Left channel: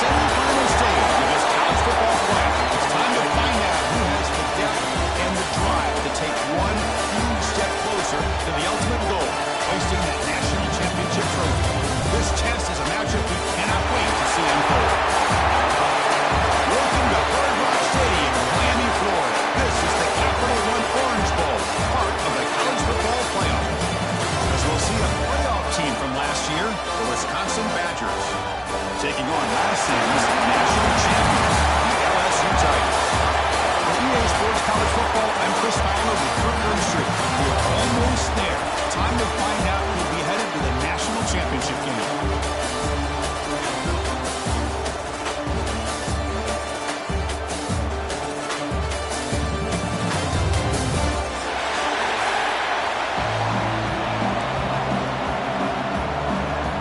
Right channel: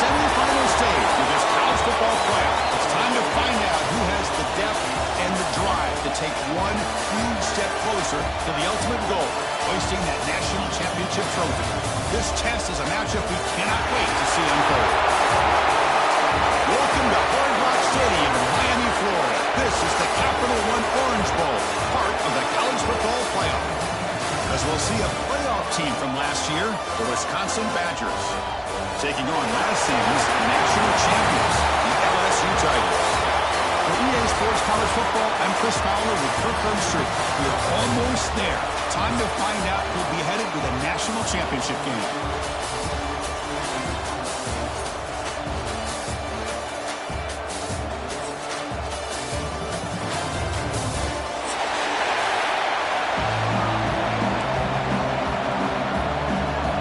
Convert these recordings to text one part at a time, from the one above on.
semifinal stage of this college football playoff. It's time to find out who has the depth and the drive to take one huge step closer to the ultimate goal, hoisting that national championship trophy. This test is a matchup we cannot wait to see unfold. Welcome to Hard Rock Stadium in Miami, Florida. This is the Capital One Orange Bowl, part of the college football playoff. As we'll see a playoff team from last year, the Wisconsin Badgers, taking on last season's national champions, the LSU Tigers. For EA Sports College Football, I'm Chris Fowler with Kirk Herbstreit. We're almost there. Time to find out who'll be headed to the national championship game.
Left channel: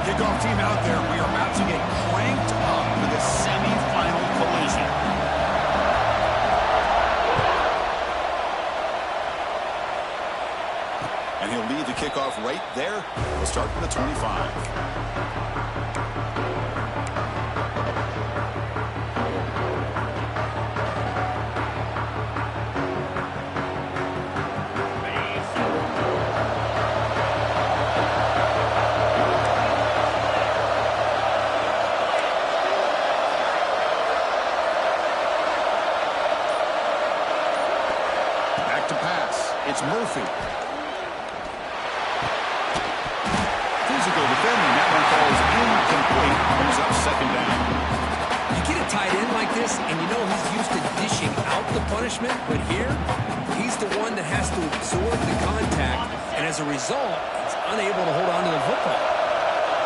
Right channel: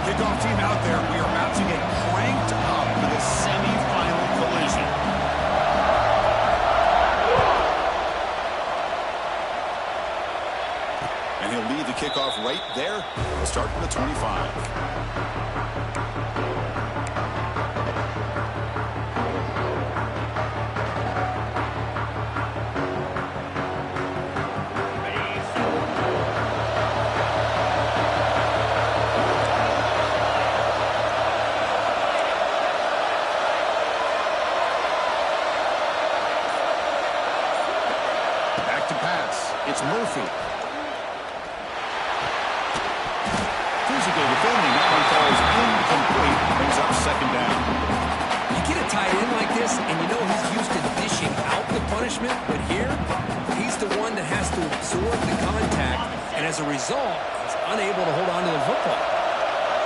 Kickoff team out there. We are about to get cranked up for the semifinal collision. And he'll lead the kickoff right there. We'll start from the 25. Back to pass. It's Murphy. Physical defending. That one falls incomplete. Brings up second down. You get a tight end like this, and you know he's used to dishing out the punishment, but here, he's the one that has to absorb the contact, and as a result, he's unable to hold on to the football.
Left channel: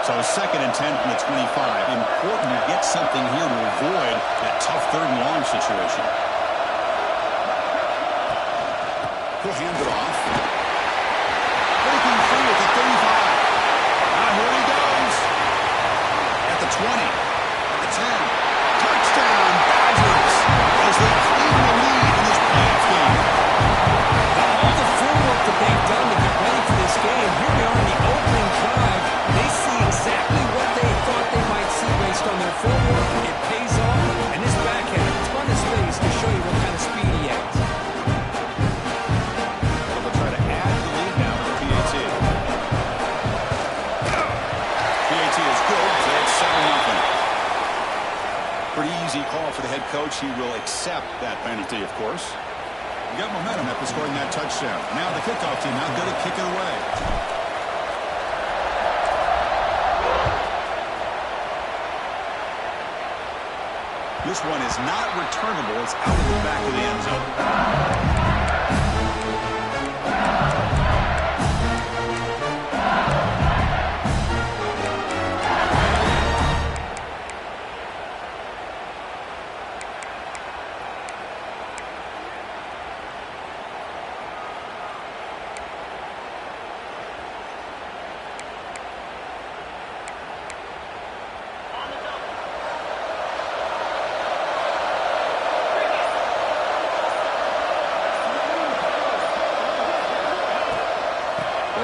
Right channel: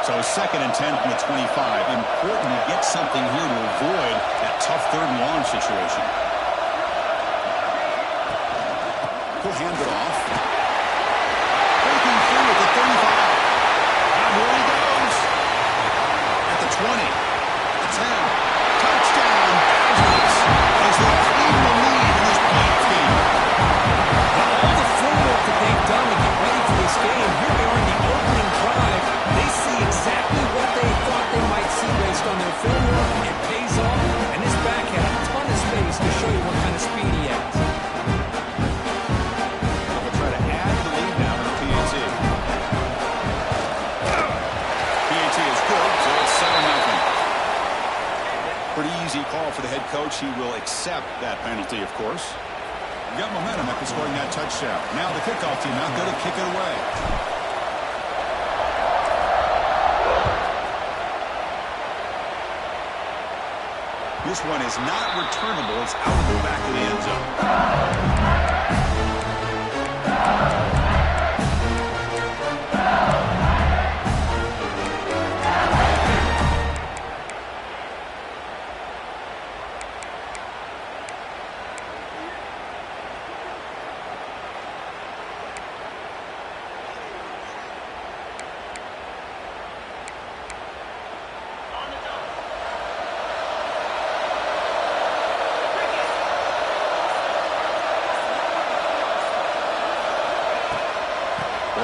So 2nd and 10 from the 25. Important to get something here to avoid that tough 3rd and long situation. He'll hand it off. Breaking free at the 35. And here he goes. At the 20. At the 10. Touchdown, Badgers, as they claim the lead in this playoff game. Now, all the footwork that they've done to get ready for this game, here they are in the opening drive. They see exactly what they thought they might see based on their film work. It pays off, and this back had a ton of space to show you what kind of speed he has. Is good, so it's 7-0. Pretty easy call for the head coach. He will accept that penalty, of course. You got momentum after scoring that touchdown. Now the kickoff team out there to kick it away. This one is not returnable. It's out of the back of the end zone.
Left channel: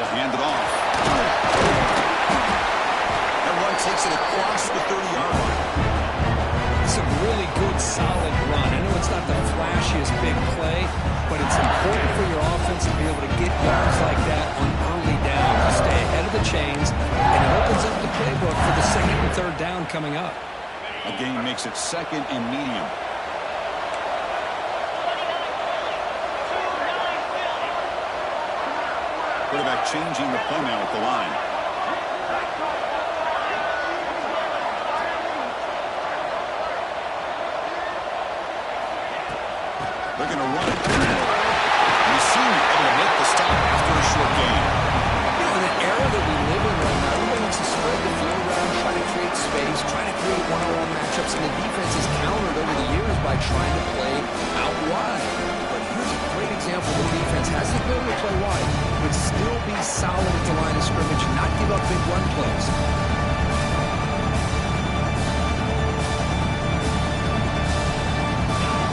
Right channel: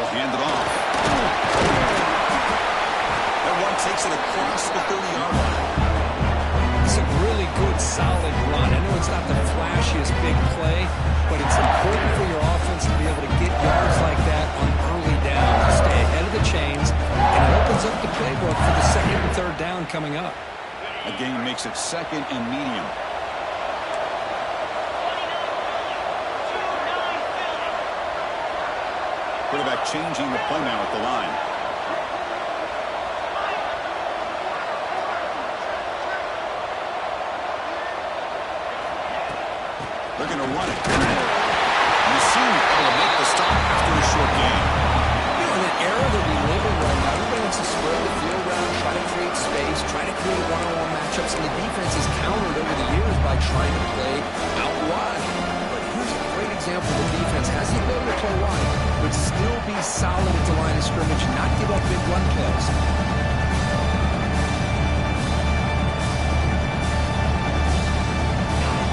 Hand it off. That run takes it across the 30-yard line. It's a really good, solid run. I know it's not the flashiest big play, but it's important for your offense to be able to get yards like that on early downs, to stay ahead of the chains, and it opens up the playbook for the 2nd and 3rd down coming up. A gain makes it 2nd and medium. Quarterback changing the play now at the line. They're going to run it. And you see him able to make the stop after a short gain. You know, in the era that we live in right now, everybody wants to spread the field around, try to create space, try to create one-on-one matchups, and the defense is countered over the years by trying to play out wide. But here's a great example. The defense has the ability to play wide, but still be solid at the line of scrimmage, not give up big run plays.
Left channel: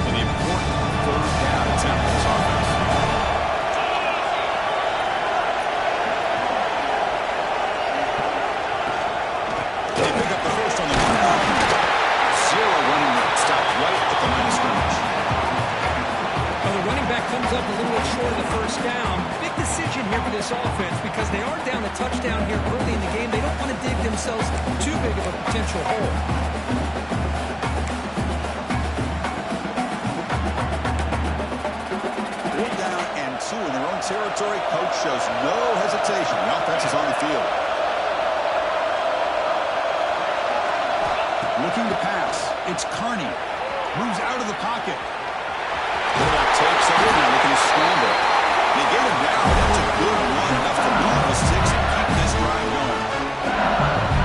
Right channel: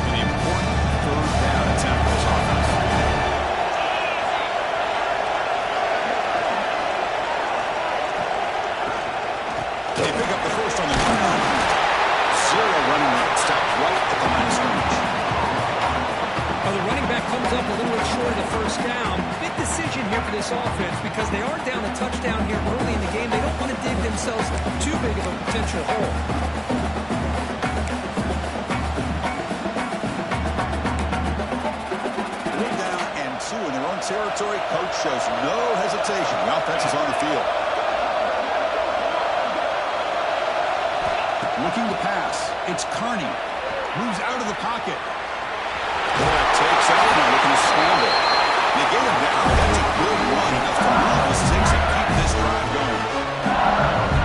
An important 3rd down attempt for this offense. They pick up the first on the ground. 0 right at the line of scrimmage. Well, the running back comes up a little bit short of the first down. Big decision here for this offense because they are down a touchdown here early in the game. They don't want to dig themselves too big of a potential hole. 4th down and 2 in their own territory. Coach shows no hesitation. The offense is on the field. Looking to pass. It's Carney. Moves out of the pocket. Quarterback takes over now, looking to scramble. They get him down. That's a good one. Enough to move the 6 and keep this drive going.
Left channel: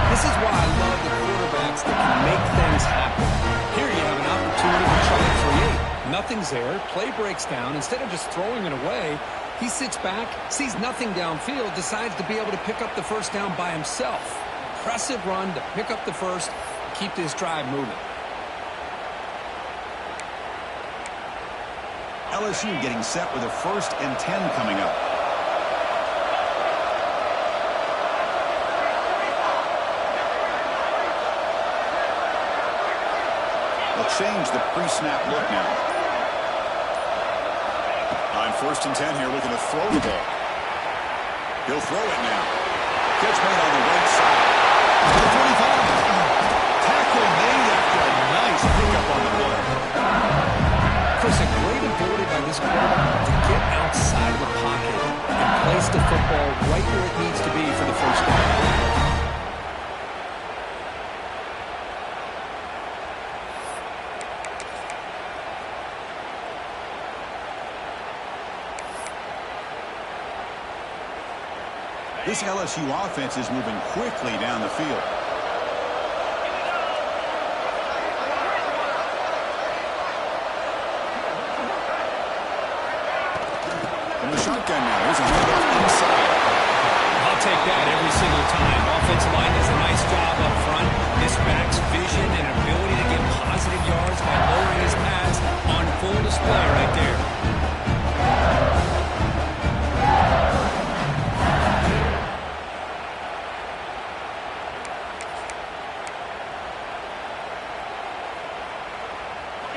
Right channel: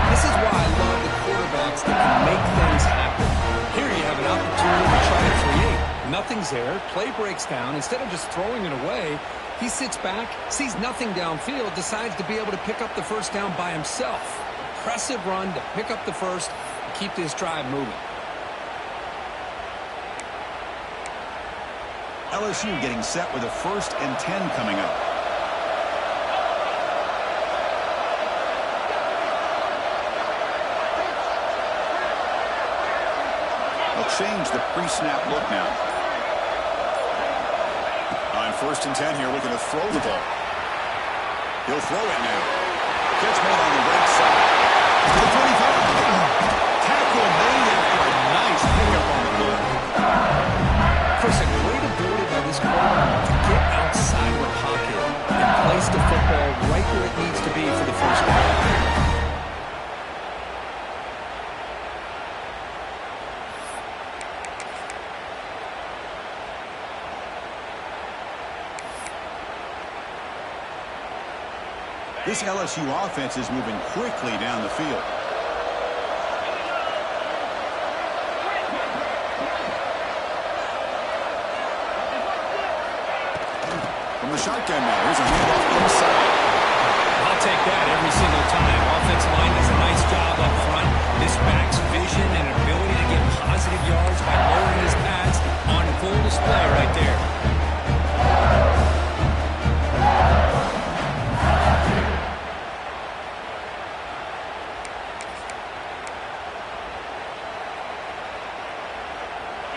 This is why I love the quarterbacks that can make things happen. Here you have an opportunity to try to create. Nothing's there. Play breaks down. Instead of just throwing it away, he sits back, sees nothing downfield, decides to be able to pick up the first down by himself. Impressive run to pick up the first and keep this drive moving. LSU getting set with a 1st and 10 coming up. They'll change the pre-snap look now. On 1st and 10 here, looking to throw the ball. He'll throw it now. Catch made on the right side. To the 45. Tackle made after a nice pickup on the play. Chris, a great ability by this quarterback to get outside of the pocket and place the football right where it needs to be for the first down. This LSU offense is moving quickly down the field. From the shotgun now, here's a handoff inside. I'll take that every single time. Offensive line does a nice job up front. This back's vision and ability to get positive yards by lowering his pads on full display right there.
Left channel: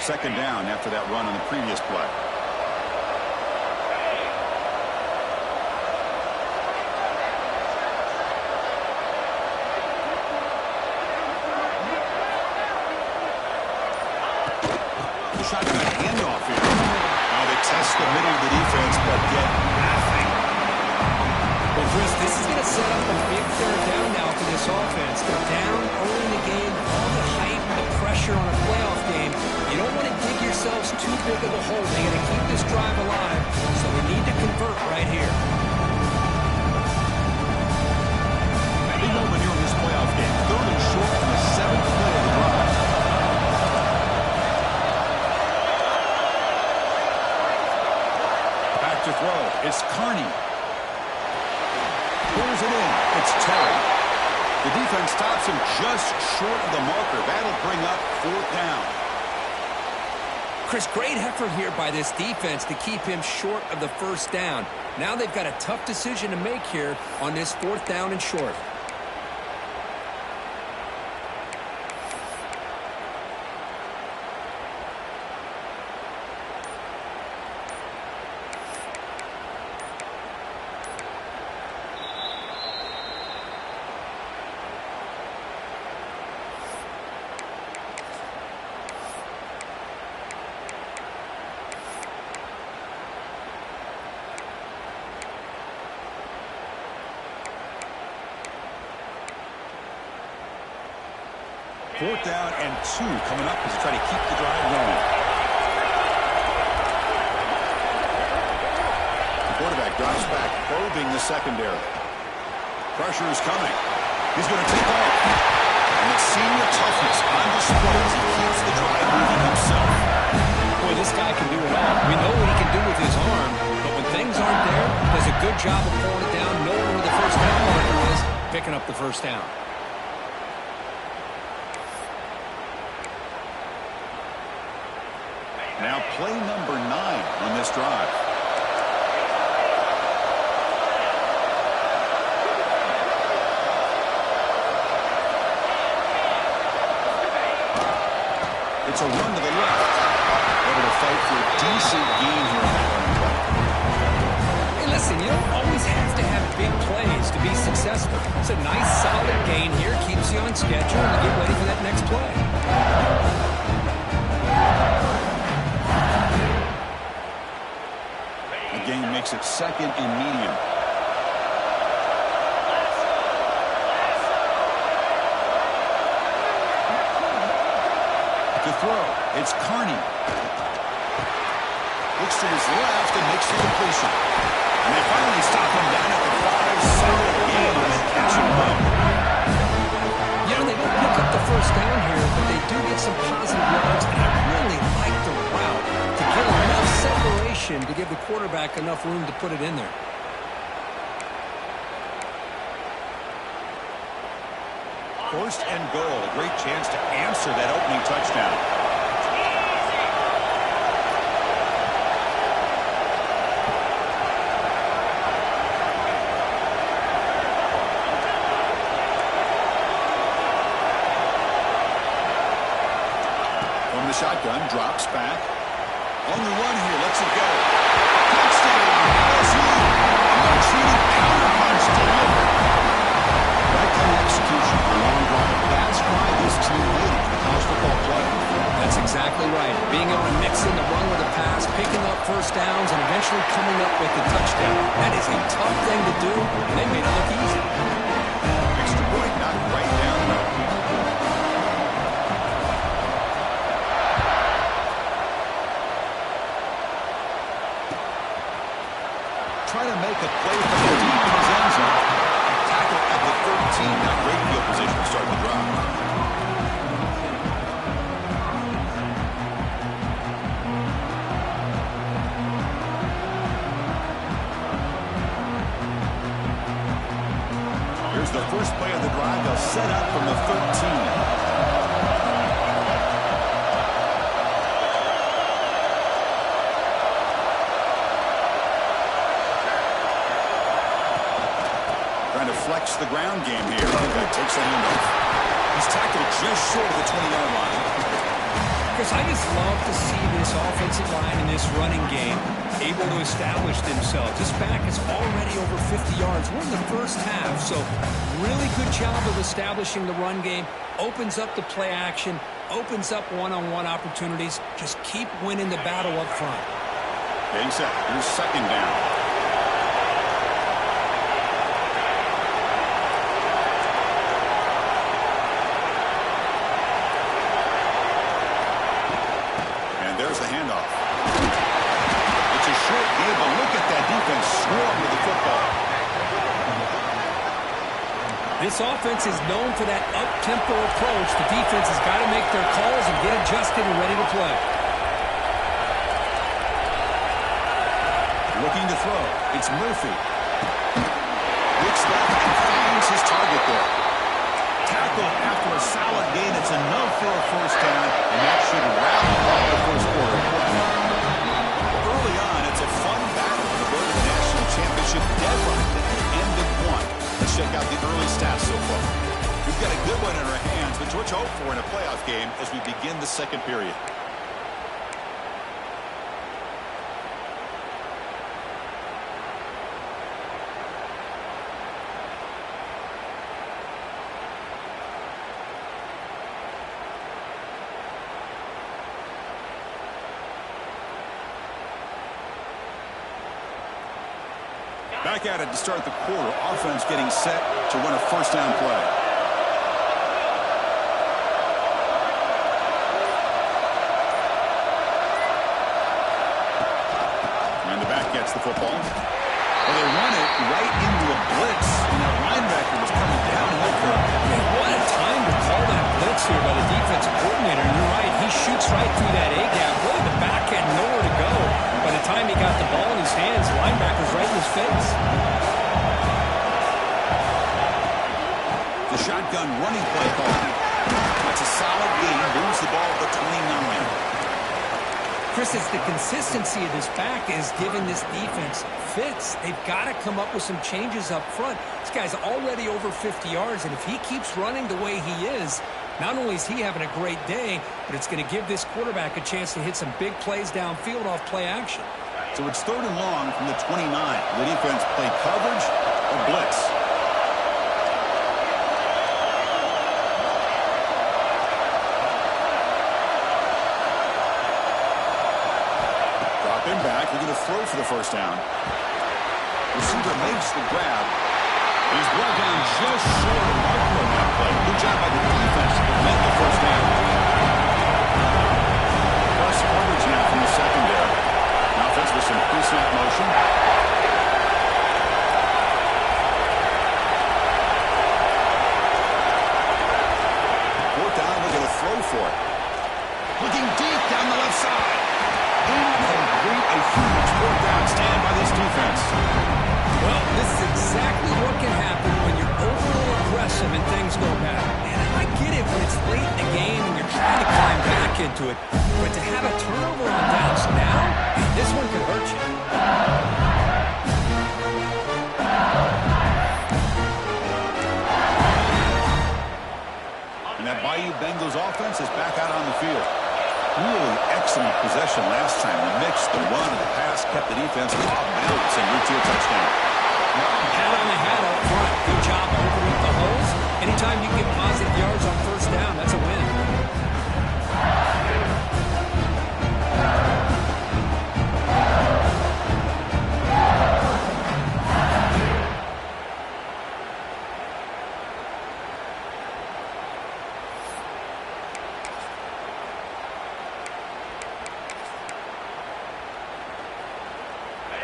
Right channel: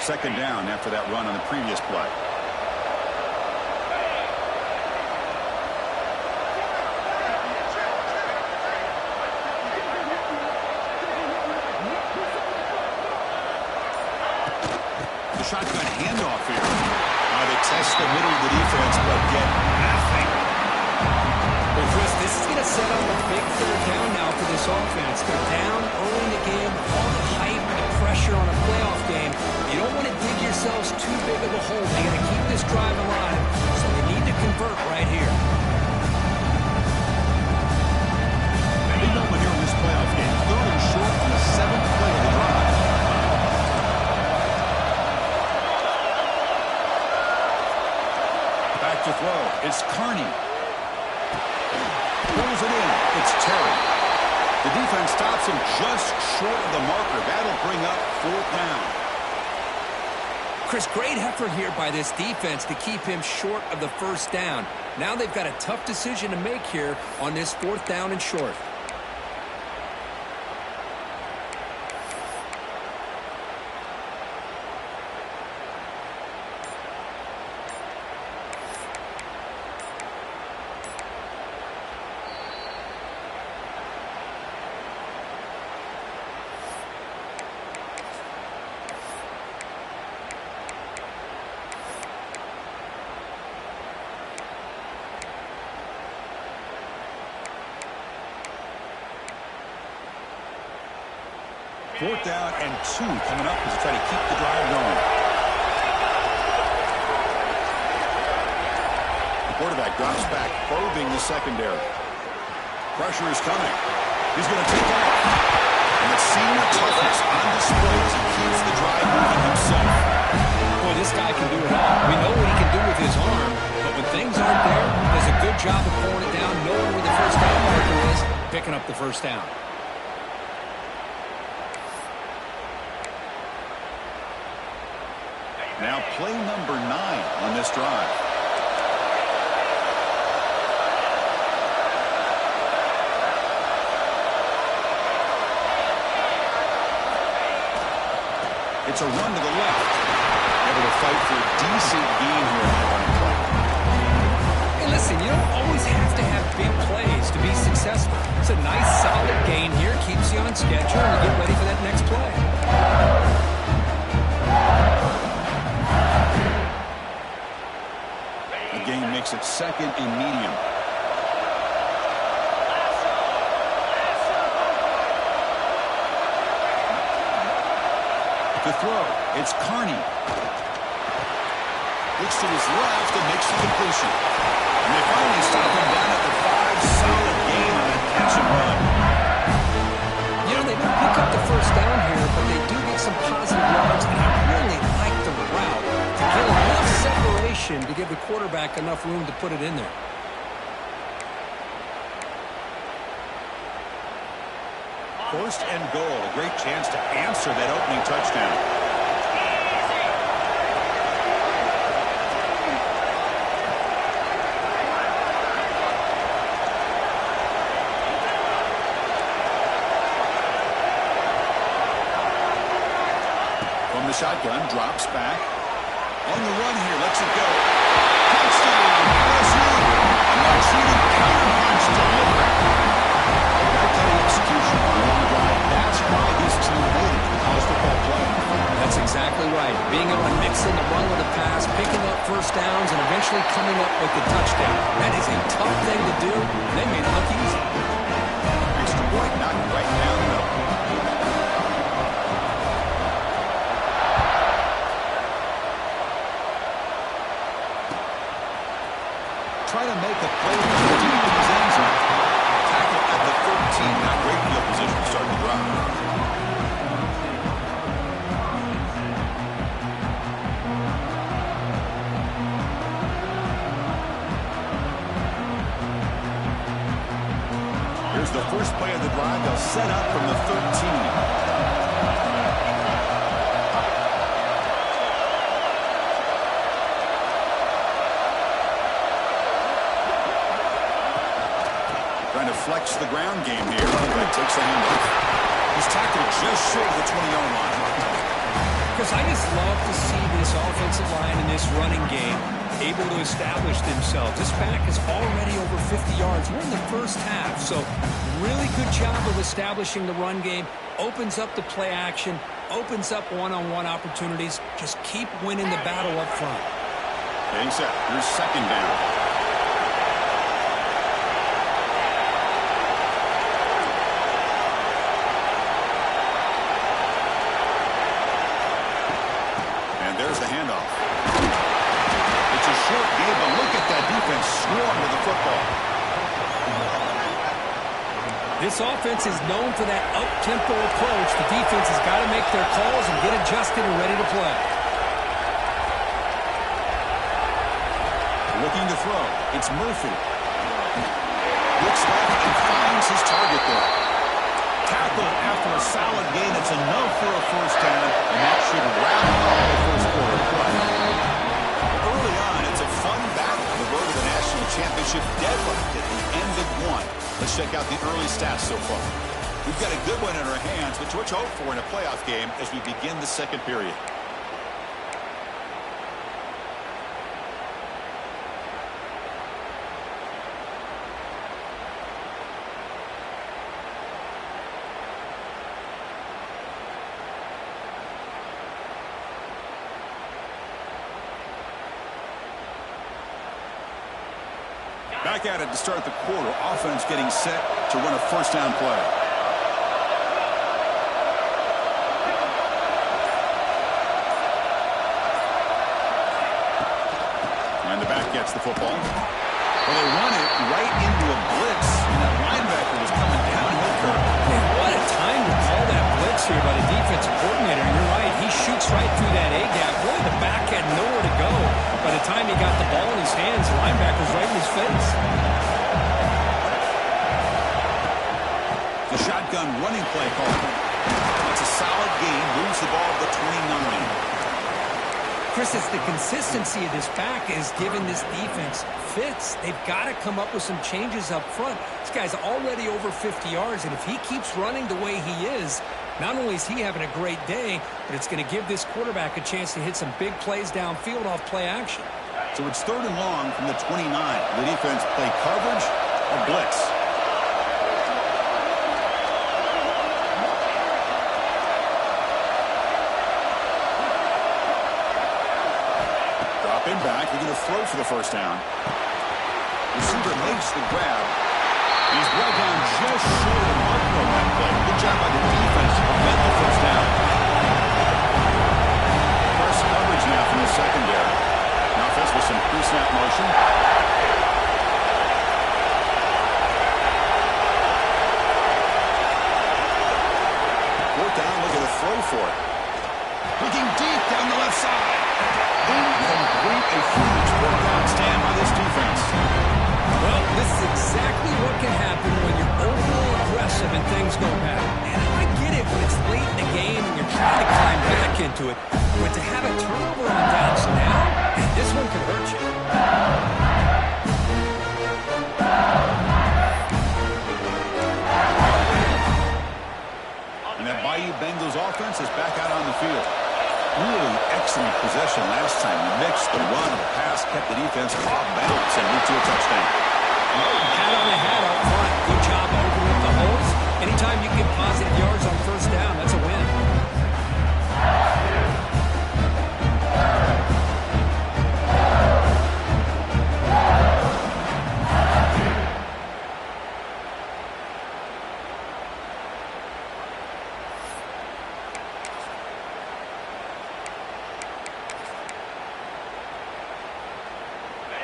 Second down after that run on the previous play. The shotgun handoff here. They test the middle of the defense, but get nothing. Well, Chris, this is going to set up a big 3rd down now for this offense. They're down early in the game. All the hype, the pressure on a playoff game. You don't want to dig yourselves too big of a hole. They got to keep this drive alive, so they need to convert right here. Big moment here in this playoff game. 3rd and short on the 7th play of the drive. Back to throw. It's Carney. Pulls it in. It's Terry. The defense stops him just short of the marker. That'll bring up 4th down. Chris, great effort here by this defense to keep him short of the first down. Now they've got a tough decision to make here on this 4th down and short. Fourth down and 2 coming up as they try to keep the drive going. The quarterback drops back, probing the secondary. Pressure is coming. He's going to take off. And the senior toughness on display as he keeps the drive moving himself. Boy, this guy can do it all. We know what he can do with his arm, but when things aren't there, does a good job of pulling it down, knowing where the first down marker is, picking up the first down. Now play number 9 on this drive. It's a run to the left. Able to fight for a decent gain here in that running play. Hey, listen, you don't always have to have big plays to be successful. It's a nice, solid gain here. Keeps you on schedule and you get ready for that next play. The gain makes it second and medium. To throw, it's Carney. Looks to his left and makes the completion. And they finally stop him down at the 5. Solid game on that catch and run. You know, they don't pick up the first down here, but they do get some positive yards, and I really like the route to get enough separation to give the quarterback enough room to put it in there. First and goal, a great chance to answer that opening touchdown. From the shotgun, drops back. On the run here, lets it go. Touchdown, LSU. A much-needed counterpunch delivered. That kind of execution on a long drive, that's why this team made it to the college football playoff. That's exactly right. Being able to mix in the run with a pass, picking up first downs, and eventually coming up with the touchdown. That is a tough thing to do, and they made it look easy. Extra point knocked right down the middle. Try to make a play from the deep in his end zone. Tackle at the 13. Not great field position to start the drive. Here's the first play of the drive. They'll set up from the 13. Trying to flex the ground game here. That takes the handoff. He's tackled just short of the 20-yard line. Because I just love to see this offensive line in this running game able to establish themselves. This back is already over 50 yards. We're in the first half, so really good job of establishing the run game. Opens up the play action, opens up one-on-one opportunities. Just keep winning the battle up front. Getting set. Here's second down. There's the handoff. It's a short game, but look at that defense swarm with the football. This offense is known for that up-tempo approach. The defense has got to make their calls and get adjusted and ready to play. Looking to throw. It's Murphy. Looks left and finds his target there. Tackled after a solid gain. It's enough for a first down, and that should wrap up the first quarter of play. Early on, it's a fun battle on the road to the national championship, deadlocked at the end of one. Let's check out the early stats so far. We've got a good one in our hands, which we'll hope for in a playoff game as we begin the second period. Back at it to start the quarter. Offense getting set to run a first down play. And the back gets the football. Well, they run it right into a blitz, and that linebacker was coming downhill curve. Man, what a time to call that blitz here by the defensive coordinator. You're right. He shoots right through that A-gap. Really, the back had nowhere to go. By the time he got the ball in his hands, the linebacker's right in his face. The shotgun running play called. That's a solid gain. Moves the ball to the 29. Chris, it's the consistency of this back is giving this defense fits. They've got to come up with some changes up front. This guy's already over 50 yards, and if he keeps running the way he is, Not only is he having a great day, but it's going to give this quarterback a chance to hit some big plays downfield off play action. So it's 3rd and long from the 29. The defense play coverage or blitz. Drop in back, looking to throw for the first down. Receiver makes the grab. He's brought down just short of marker on that play. Good job by the defense to prevent the first down. Press coverage now from the secondary. Now offense with some pre-snap motion. Fourth down, looking to throw for it. Looking deep down the left side. Incomplete, a huge fourth down stand by this defense. Well, this is exactly what can happen when you're overly aggressive and things go bad. And I get it when it's late in the game and you're trying to climb back into it. But to have a turnover on downs now, this one could hurt you. And that Bayou Bengals offense is back out on the field. Really excellent possession last time. The mix, the run, and the pass kept the defense off balance and moved to a touchdown. Hat on the hat up front. Good job opening up the holes. Anytime you get positive yards on first down, that's a win.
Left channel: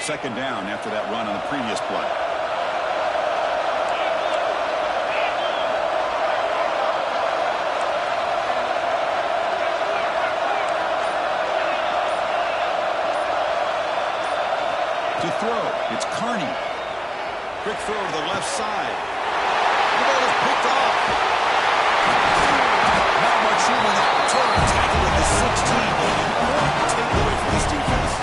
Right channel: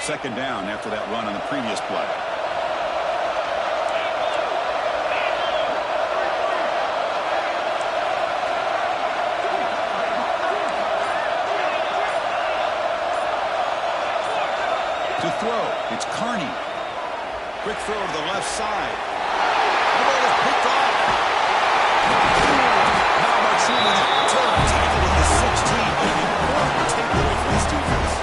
Second down after that run on the previous play. To throw, it's Carney. Quick throw to the left side. The ball is picked off. Not much room in that return. Tackled at the 16, but an important takeaway for this defense.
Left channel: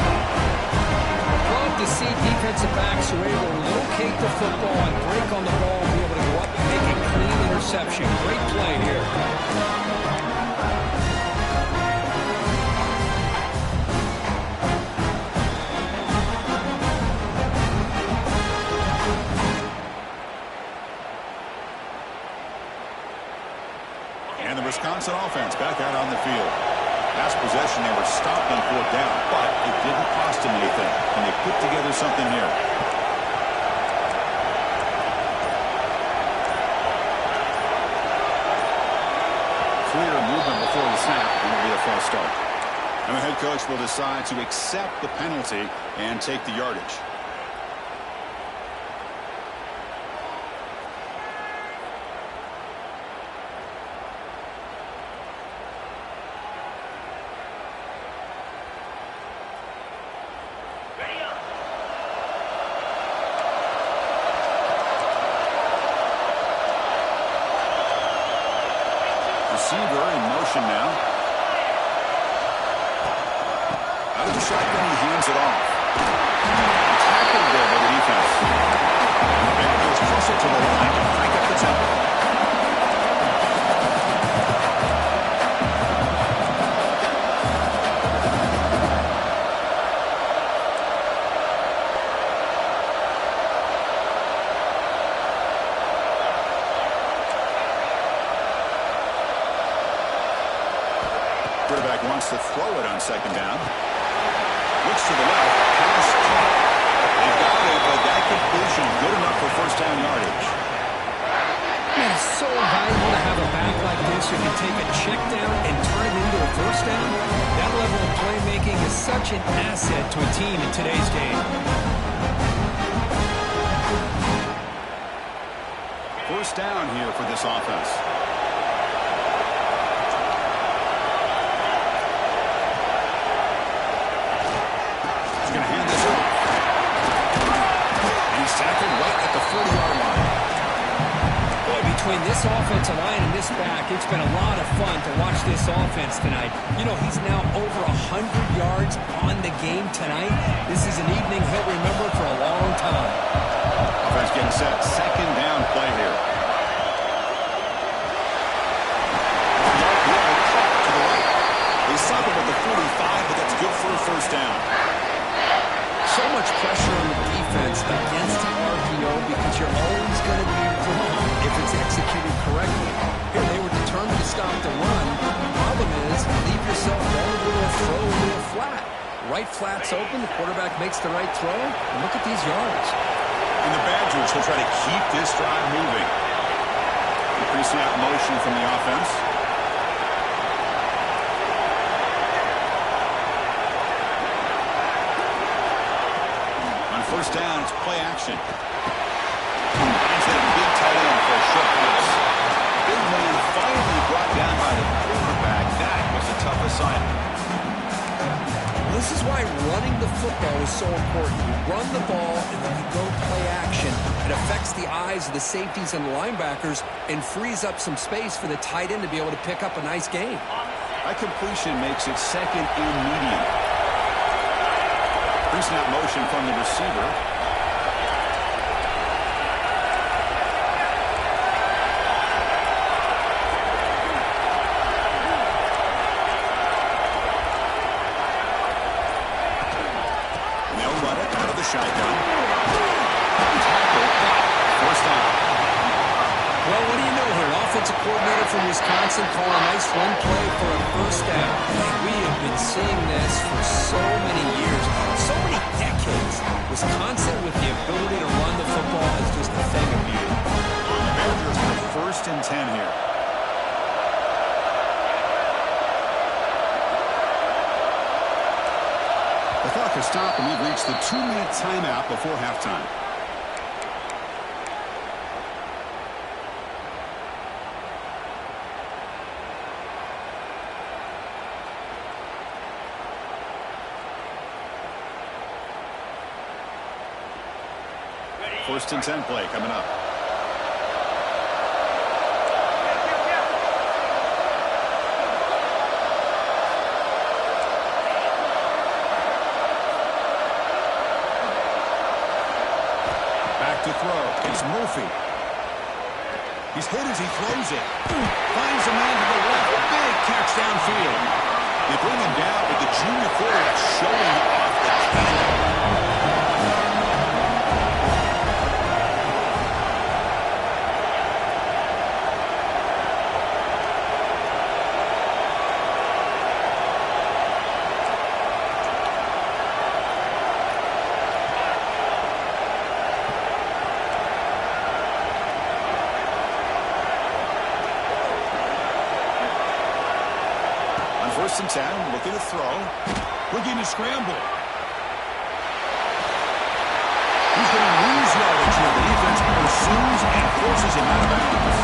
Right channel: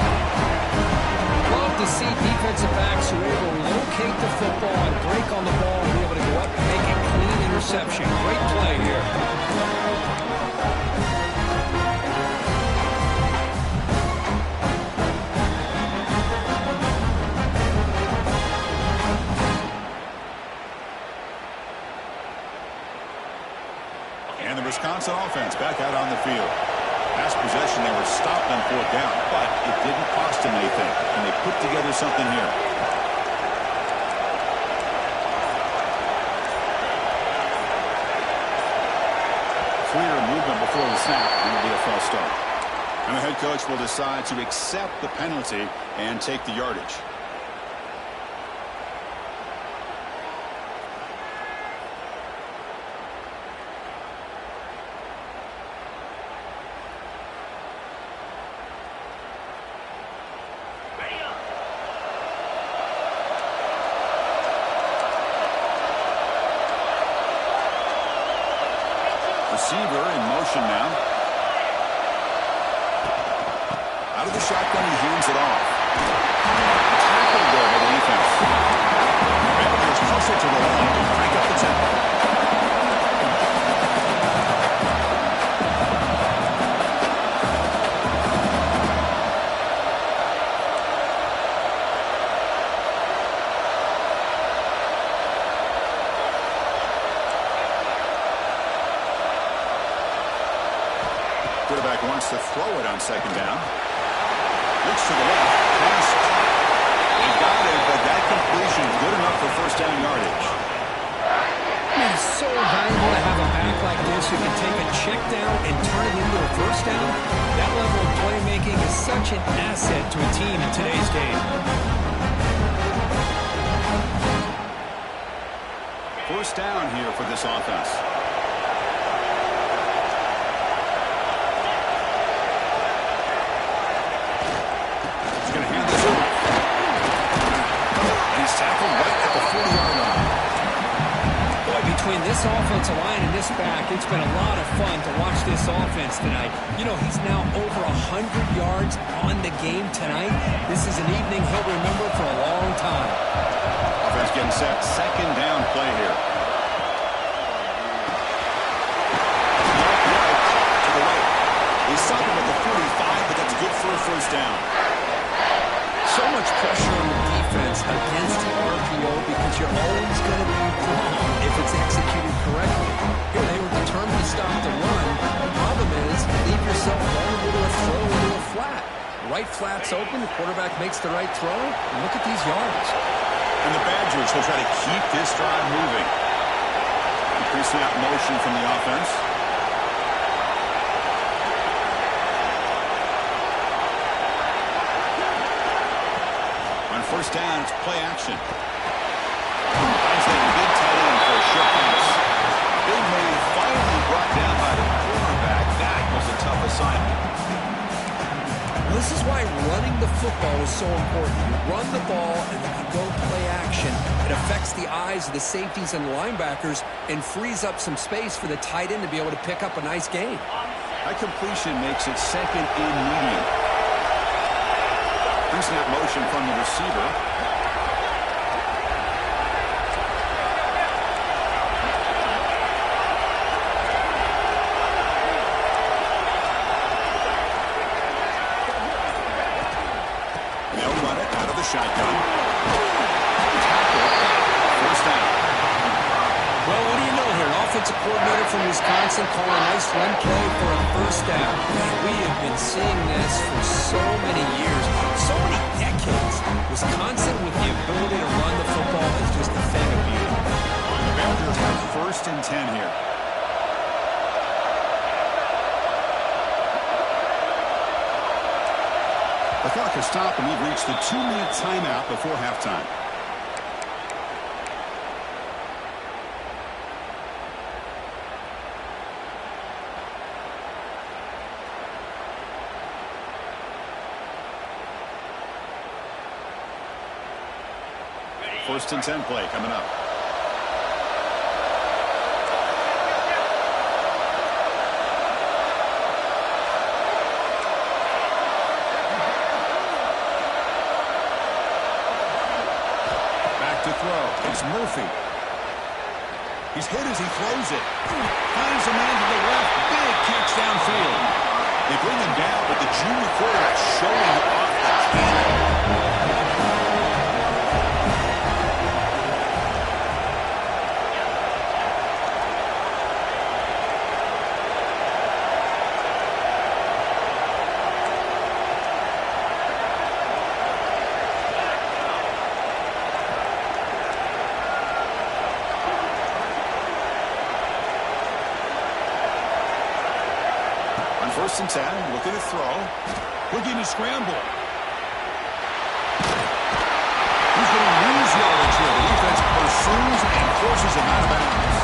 Love to see defensive backs who are able to locate the football and break on the ball and be able to go up and make a clean interception. Great play here. And the Wisconsin offense back out on the field. Last possession, they were stopped on 4th down, but it didn't cost them anything, and they put together something here. Clear movement before the snap, and it'll be a false start. And the head coach will decide to accept the penalty and take the yardage. Receiver in motion now. Out of the shotgun, he hands it off. Tackled there by the defense. Badgers hustle to the line and crank up the tempo. Quarterback wants to throw it on second down. Looks to the left. Pass caught. They got it, but that completion good enough for first down yardage. Man, it's so valuable to have a back like this who can take a check down and turn it into a first down. That level of playmaking is such an asset to a team in today's game. First down here for this offense. Tackled right at the 40-yard line. Boy, between this offensive line and this back, it's been a lot of fun to watch this offense tonight. You know, he's now over 100 yards on the game tonight. This is an evening he'll remember for a long time. Offense getting set. Second down play here. stop him at the 45, but that's good for a first down. So much pressure on the defense against the RPO because you're always going to be wrong if it's executed correctly. Here they were determined to stop the run. The problem is leave yourself vulnerable to a throw into a flat. Right flat's open, the quarterback makes the right throw, and look at these yards. And the Badgers will try to keep this drive moving. Pre-snap motion from the offense. On first down, it's play action. Finds that big tight end for a short pass. Big man finally brought down by the quarterback. That was a tough assignment. This is why running the football is so important. You run the ball, and then you go play action. It affects the eyes of the safeties and the linebackers and frees up some space for the tight end to be able to pick up a nice gain. That completion makes it second and medium. Pre-snap motion from the receiver. Shotgun. Tackle, first down. Well, what do you know here? An offensive coordinator from Wisconsin calling a nice run play for a first down. Man, we have been seeing this for so many years, so many decades. Wisconsin with the ability to run the football is just a thing of beauty. The Badgers have first and 10 here. The clock has stopped, and we've reached the 2-minute timeout before halftime. First and 10 play coming up. To throw. It's Murphy. He's hit as he throws it. Finds a man to the left. Big catch downfield. They bring him down, but the junior quarterback showing off the cannon. First and 10, looking to throw. Looking to scramble. He's going to lose yardage here. The defense pursues and forces him out of bounds.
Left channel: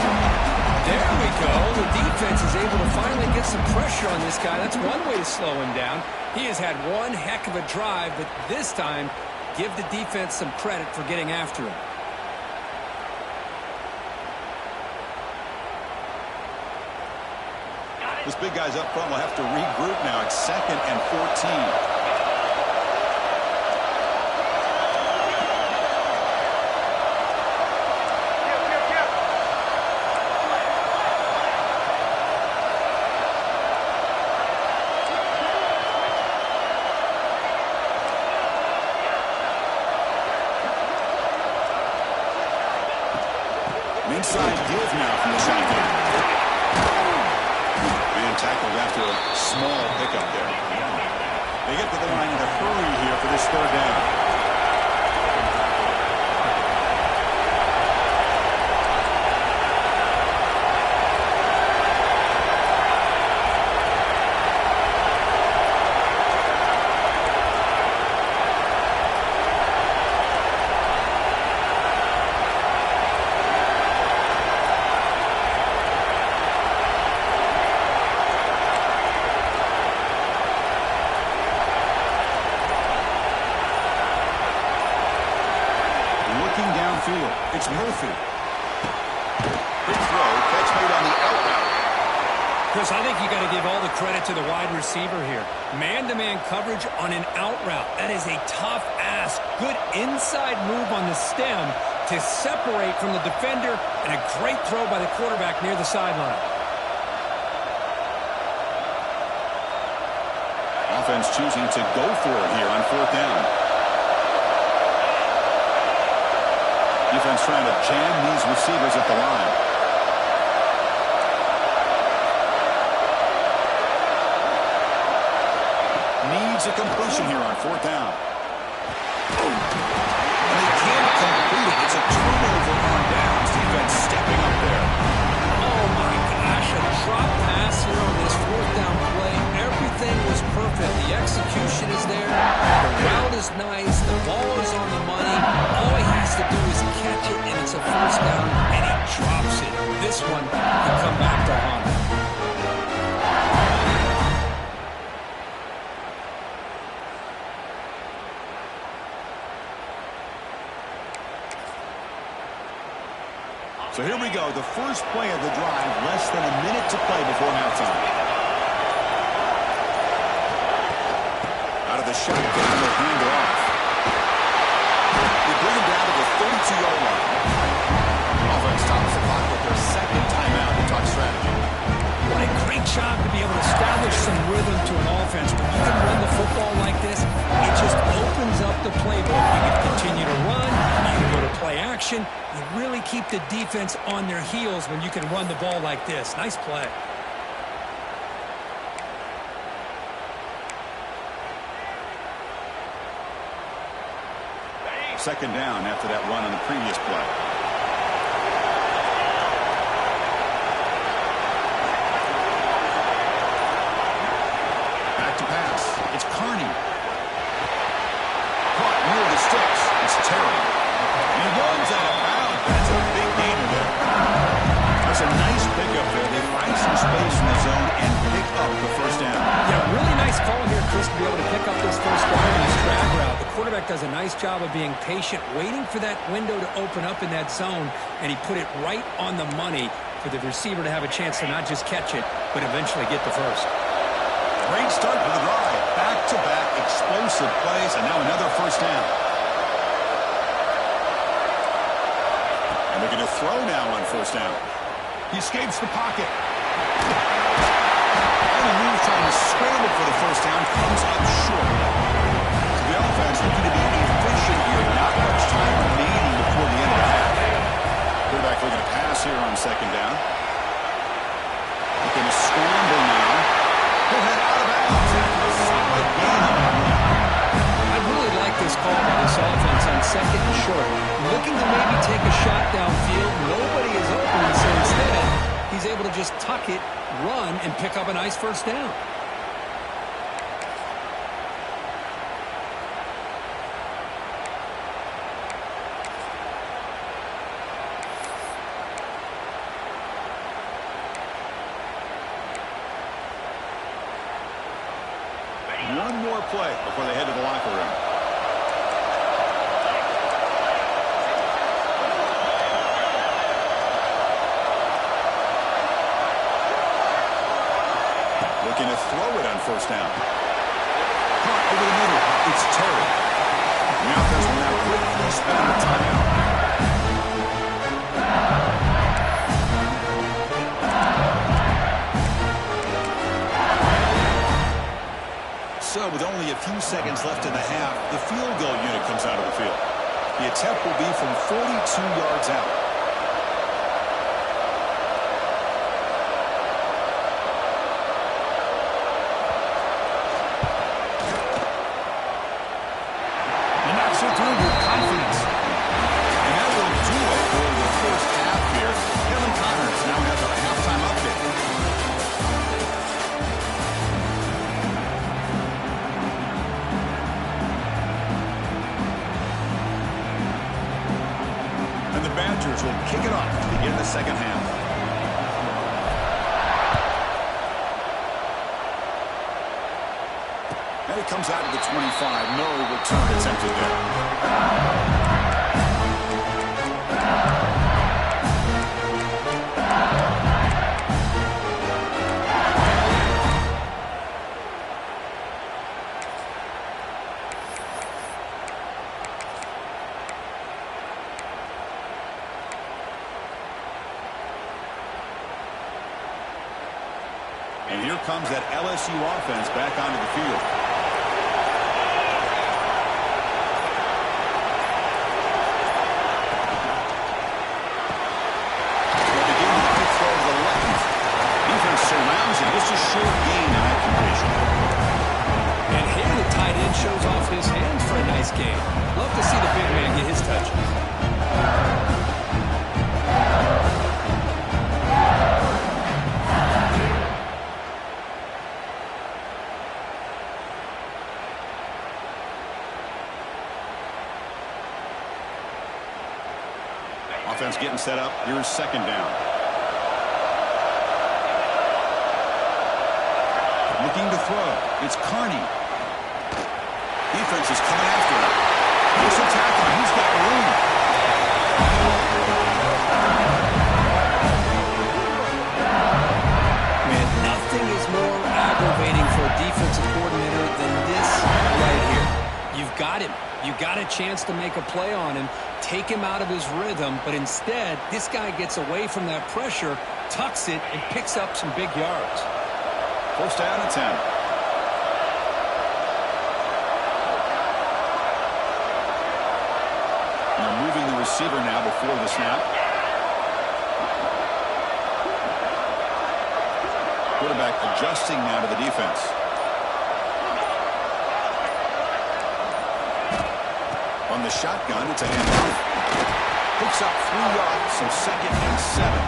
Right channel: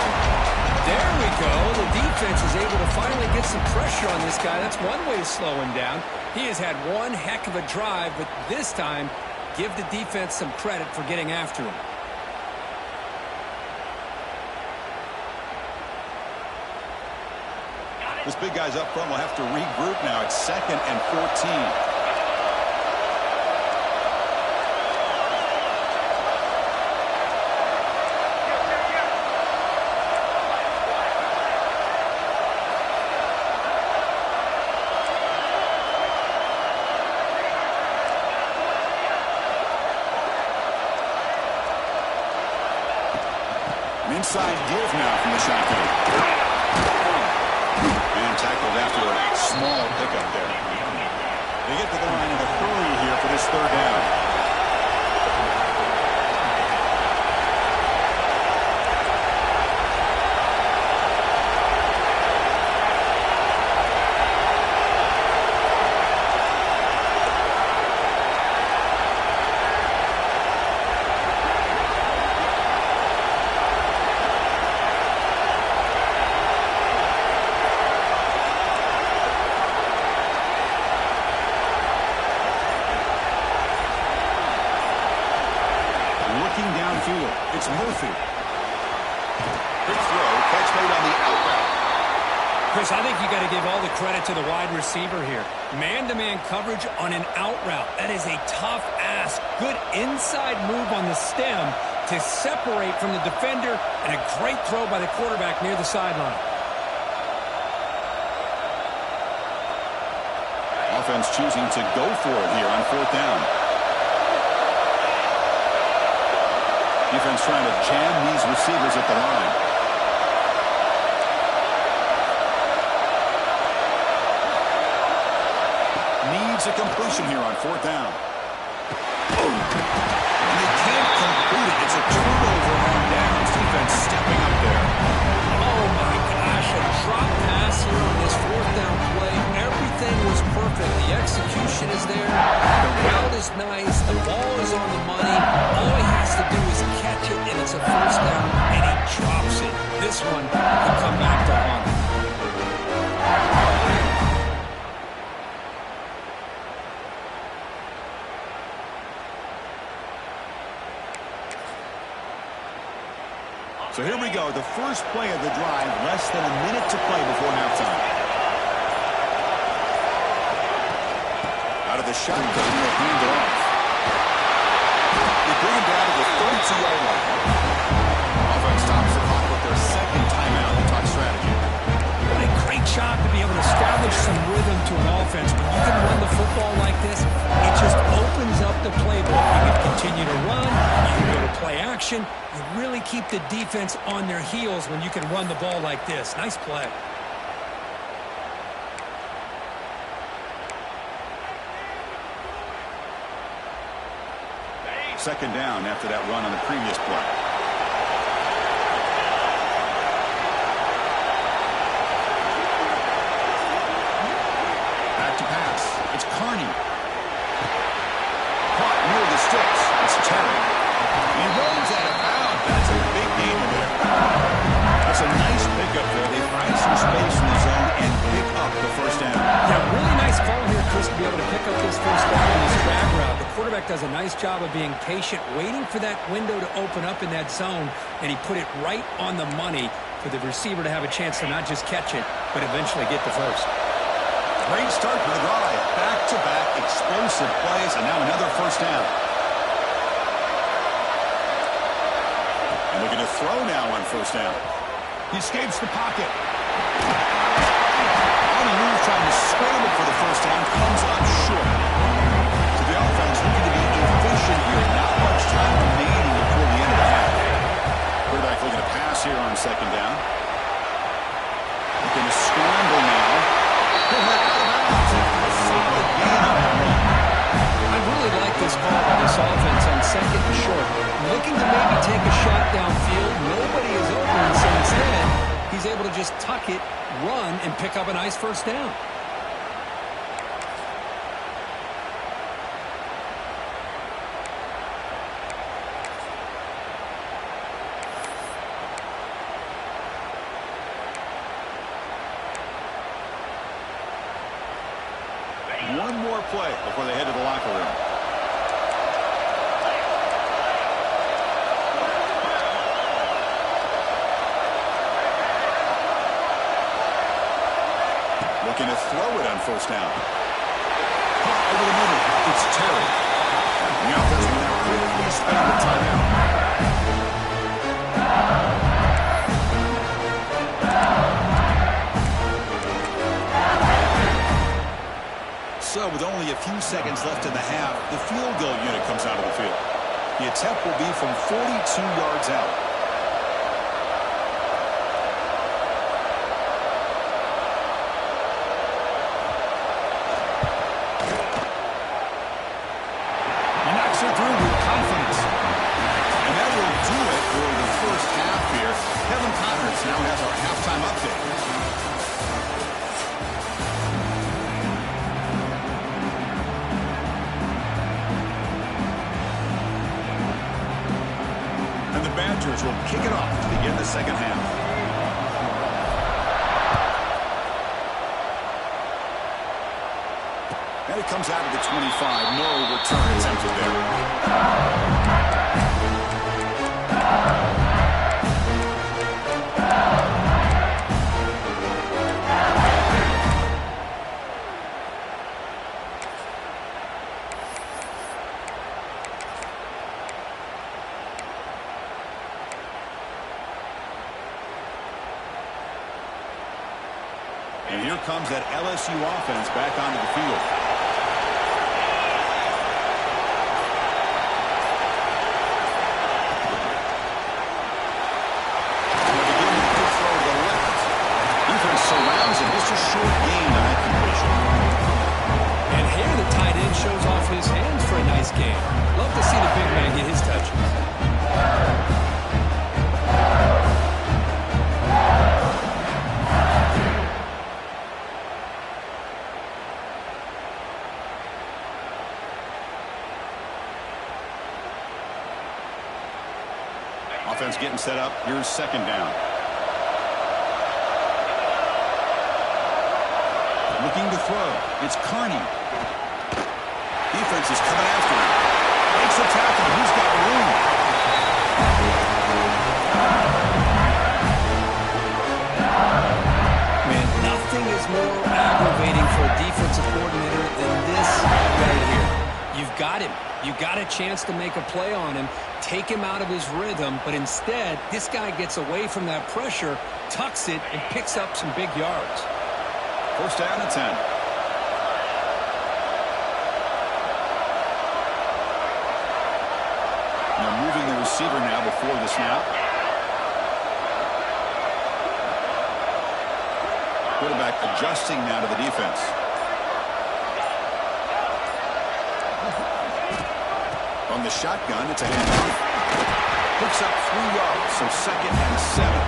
There we go. The defense is able to finally get some pressure on this guy. That's one way to slow him down. He has had one heck of a drive, but this time, give the defense some credit for getting after him. This big guy's up front will have to regroup now. It's second and 14. An inside give now from the shotgun. Tackled after a small pickup there. They get to the line in a hurry here for this third down. Downfield, it's Murphy. Quick throw, catch made on the out route. Chris, I think you got to give all the credit to the wide receiver here. Man-to-man coverage on an out route. That is a tough ask. Good inside move on the stem to separate from the defender, and a great throw by the quarterback near the sideline. Offense choosing to go for it here on 4th down. Defense trying to jam these receivers at the line. Needs a completion here on 4th down. And they can't complete it. It's a turnover on downs. Defense stepping up there. Oh, my gosh, a drop pass here on this 4th down play. Everything was perfect. The execution is there. The route is nice. The ball is on the money. All he has to do is catch it, and it's a 1st down, and he drops it. This one can come back to haunt him. So here we go, the first play of the drive, less than a minute to play before halftime. Out of the shotgun, they'll hand it off. They bring him down to the 32-yard line. Offense stops the clock with their second timeout to talk strategy. What a great job to be able to establish some rhythm to an offense. When you can run the football like this, it just opens up the playbook. You can continue to run. You can go to play action. You really keep the defense on their heels when you can run the ball like this. Nice play. Second down after that run on the previous play. Back to pass. It's Carney. Caught near the sticks. It's Terry. He rolls out of bounds. That's a big gainer there. That's a nice pickup there. They find some space in the zone and pick up the 1st down. Yeah, really nice call here, Chris, to be able to pick up this 1st down in this drag route. The quarterback does a nice job of being patient, waiting for that window to open up in that zone, and he put it right on the money for the receiver to have a chance to not just catch it, but eventually get the first. Great start for the drive. Back-to-back explosive plays, and now another 1st down. And they're going to throw now on 1st down. He escapes the pocket. On the move, trying to scramble for the 1st down, comes up short. So the offense looking to be efficient here. Not much time remaining before the end of the half. Quarterback looking to pass here on 2nd down. Looking to scramble now. He'll head out of bounds after a solid gain on that run. I really like this call by this offense on 2nd and short. Looking to maybe take a shot downfield. Nobody is open, so instead, he's able to just tuck it, run, and pick up a nice 1st down. One more play before they head to the locker room. Looking to throw it on 1st down. Caught over the middle. It's Terry. And the offense will now quickly spend the timeout. So with only a few seconds left in the half, the field goal unit comes out of the field. The attempt will be from 42 yards out. He knocks it through with confidence. And that will do it for the 1st half here. Kevin Connors now has our halftime update. Badgers will kick it off to begin the 2nd half. And it comes out of the 25. No return attempted there. And here comes that LSU offense back onto the field. short gain on that completion. And here the tight end shows off his hands for a nice gain. Love to see the big man get his touches. Offense getting set up. Here's second down. Looking to throw. It's Carney. Defense is coming after him. Makes a tackle. He's got room. Man, nothing is more aggravating for a defensive coordinator than this right here. You've got him. You got a chance to make a play on him, take him out of his rhythm, but instead, this guy gets away from that pressure, tucks it, and picks up some big yards. First down and 10. They're moving the receiver now before the snap. Quarterback adjusting now to the defense. On the shotgun, it's a handoff. Picks up 3 yards, so second and 7.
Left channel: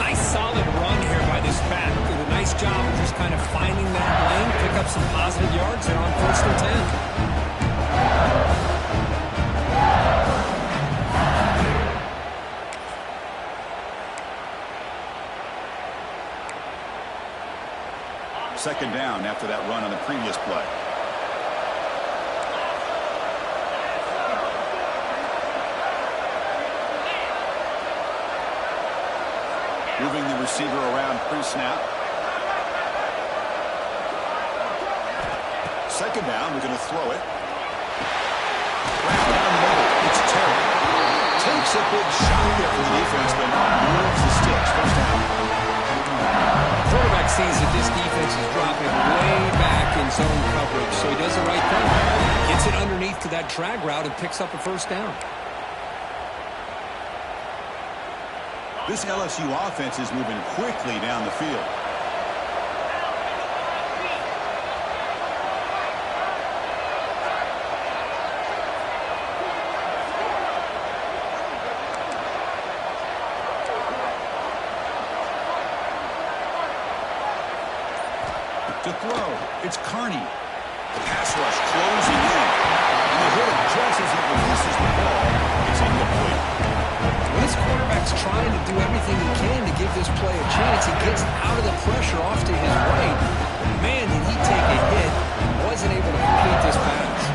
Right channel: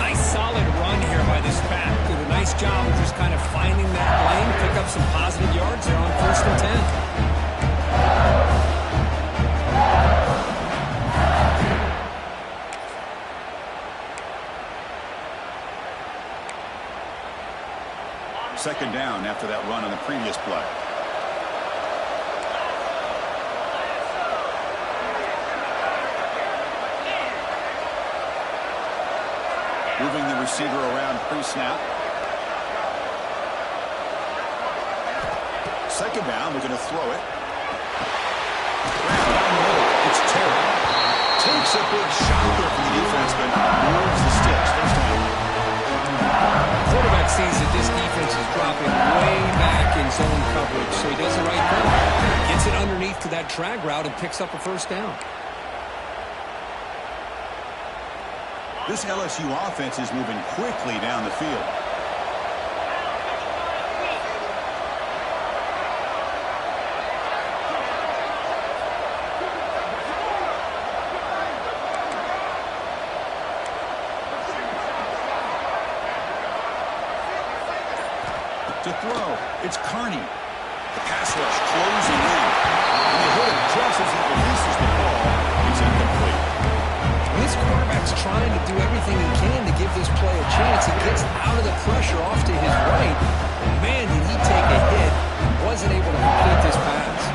Nice solid run here by this back. Did a nice job of just kind of finding that lane, pick up some positive yards there on first and 10. Second down after that run on the previous play. Moving the receiver around pre-snap. Second down, we're going to throw it. Grab down the middle. It's Terry. Takes a big shot there for the defense, but moves the sticks. First down. Quarterback sees that this defense is dropping way back in zone coverage, so he does the right thing. Gets it underneath to that drag route and picks up a first down. This LSU offense is moving quickly down the field. To throw, it's Carney. The pass rush closing in. And they hit him just as he releases the ball. It's incomplete. When this quarterback's trying to do everything he can to give this play a chance, he gets out of the pressure off to his right. But man, did he take a hit. Wasn't able to complete this pass.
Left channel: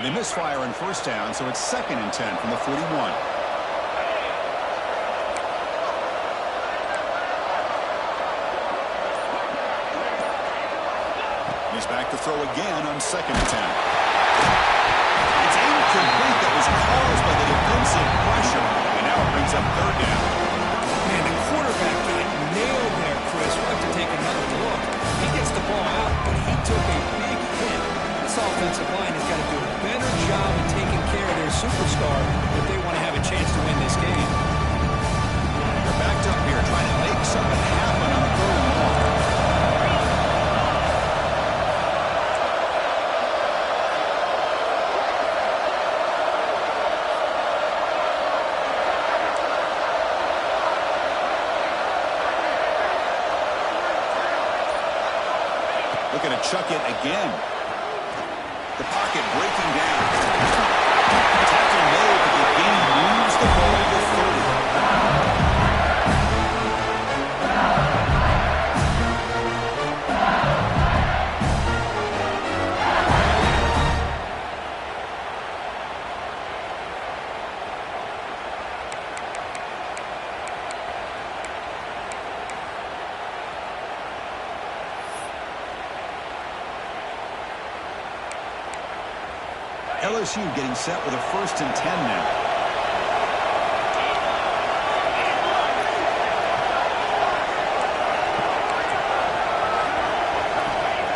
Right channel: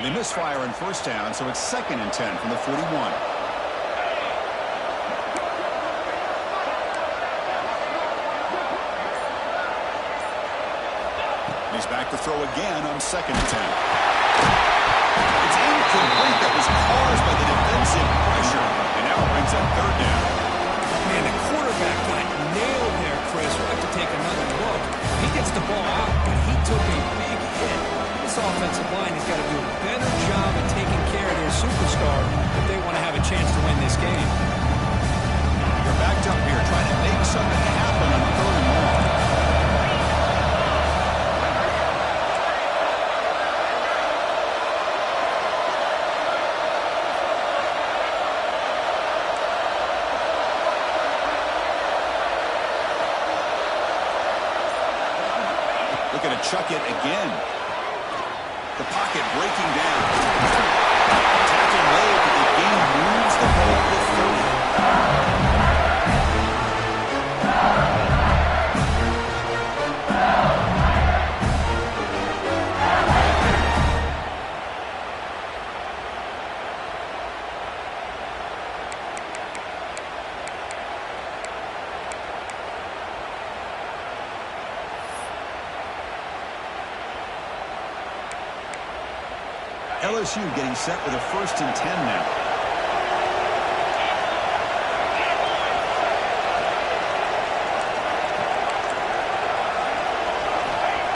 They misfire on first down, so it's second and 10 from the 41. He's back to throw again on second and 10. It's incomplete. That was caused by the defensive pressure, and now it brings up third down. Man, the quarterback got nailed there, Chris. We'll have to take another look. He gets the ball out, but he took a big hit. This offensive line has got to do a better job of taking care of their superstar if they want to have a chance to win this game. They're backed up here trying to make something happen on third and long. Looking to chuck it again. The pocket breaking down. Tackle made, but the game moves the ball to 30. LSU getting set with a first and 10 now.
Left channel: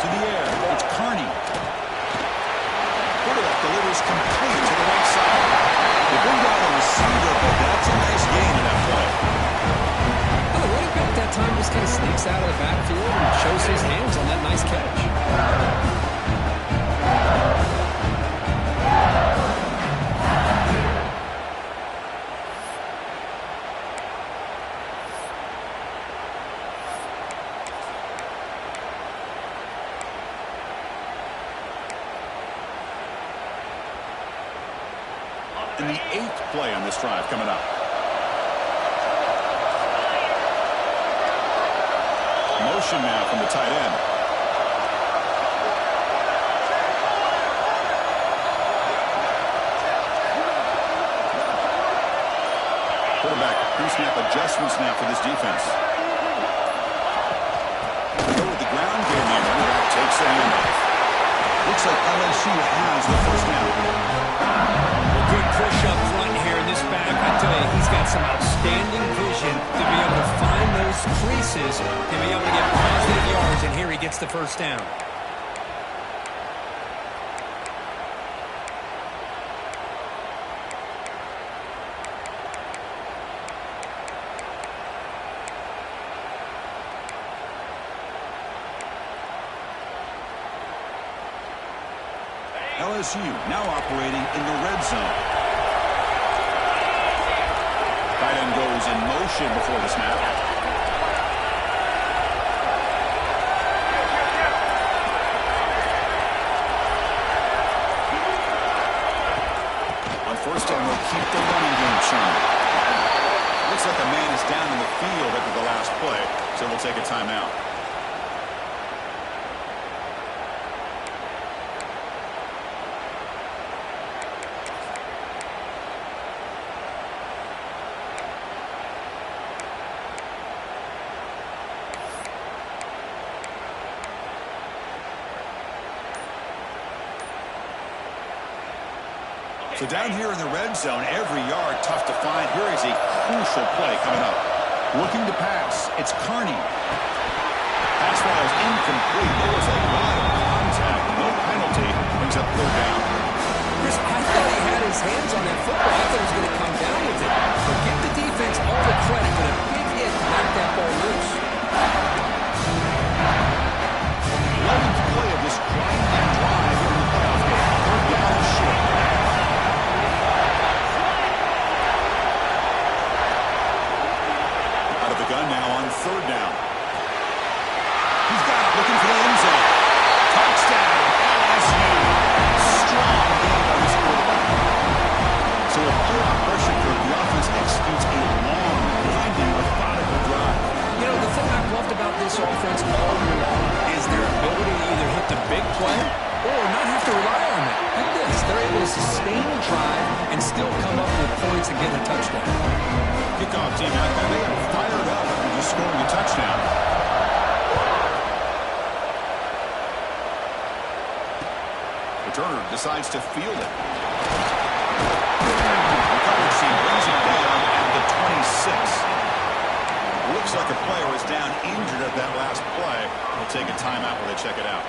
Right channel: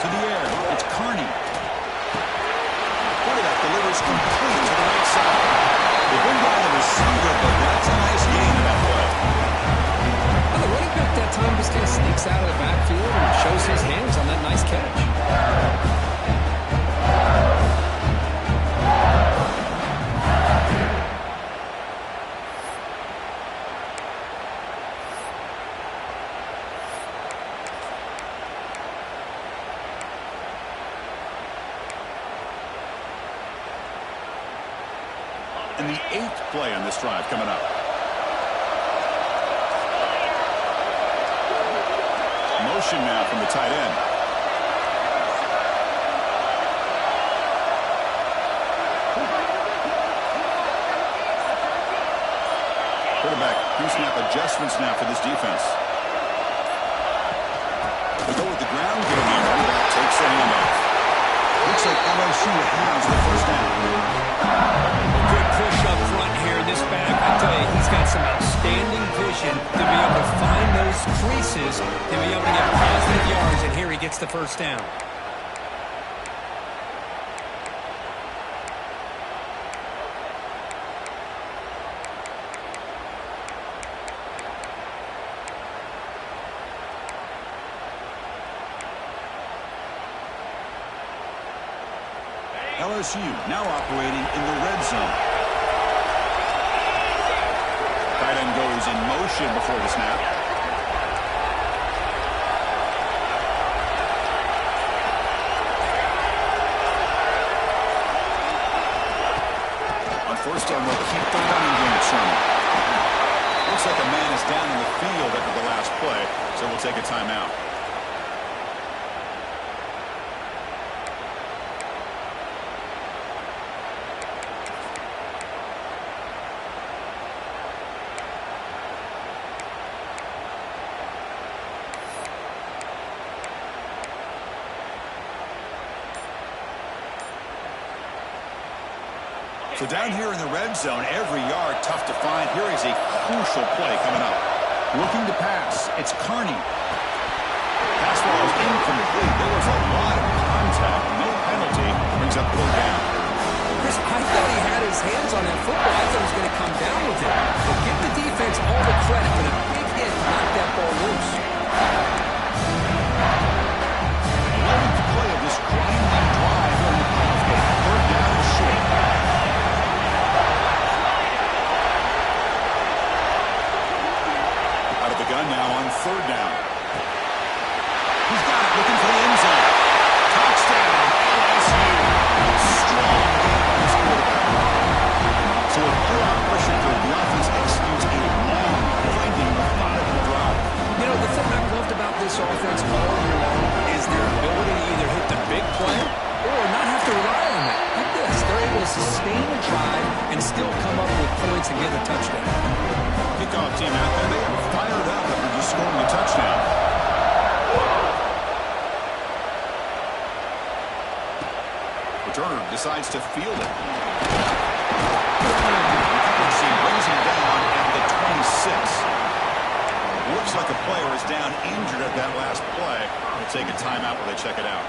To the air, it's Carney. delivers complete to the right side. They bring down the receiver, but that's a nice gain in that play. Well, the running back that time just kind of sneaks out of the backfield and shows his hands on that nice catch. And the 8th play on this drive coming up. Motion now from the tight end. Quarterback pre-snap adjustments now for this defense. They go with the ground game here. Quarterback takes the handoff. Looks like LSU has the first down. Well, good push up front here in this back. I tell you, he's got some outstanding vision to be able to find those creases, to be able to get positive yards, and here he gets the first down. LSU now operating in the red zone. Tight end goes in motion before the snap. On first down, we'll keep the running game churning. Looks like a man is down in the field after the last play, so we'll take a timeout. So down here in the red zone, every yard tough to find. Here is a crucial play coming up. Looking to pass. It's Kearney. Pass ball is incomplete. There was a lot of contact. No penalty. Brings up third down. Chris, I thought he had his hands on that football. I thought he was going to come down with it. But give the defense all the credit for the big hit to knock that ball loose. 11th play of this grinding drive in the playoff game. Third down and short. Out of the gun now on third down. He's got it, looking for the end zone. Touchdown, LSU. Strong game by this quarterback. So with playoff pressure curve, the offense executes a long, grinding, methodical drive. You know, the thing I've loved about this offense all year long is their ability to either hit the big play or not have to rely on that. Like this, they're able to sustain a drive and still come up with points and get a touchdown. Kickoff team out there, they are fired up after just scoring a touchdown. Returner decides to field it. The coverage team brings him down at the 26. Looks like a player is down injured at that last play. We'll take a timeout while they check it out.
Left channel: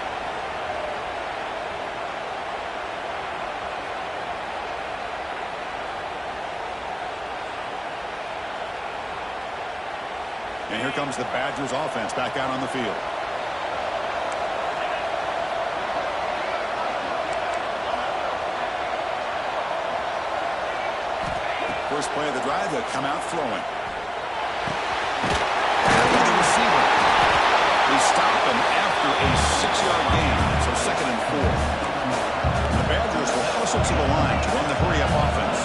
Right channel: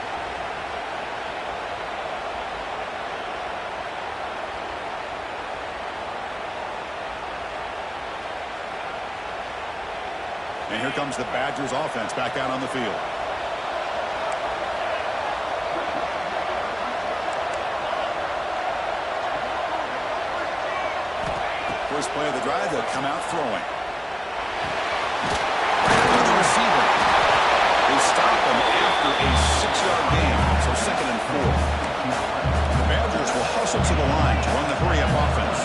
And here comes the Badgers offense back out on the field. First play of the drive, they'll come out throwing. And the receiver. They stop him after a 6-yard gain, so 2nd and 4. The Badgers will hustle to the line to run the hurry-up offense.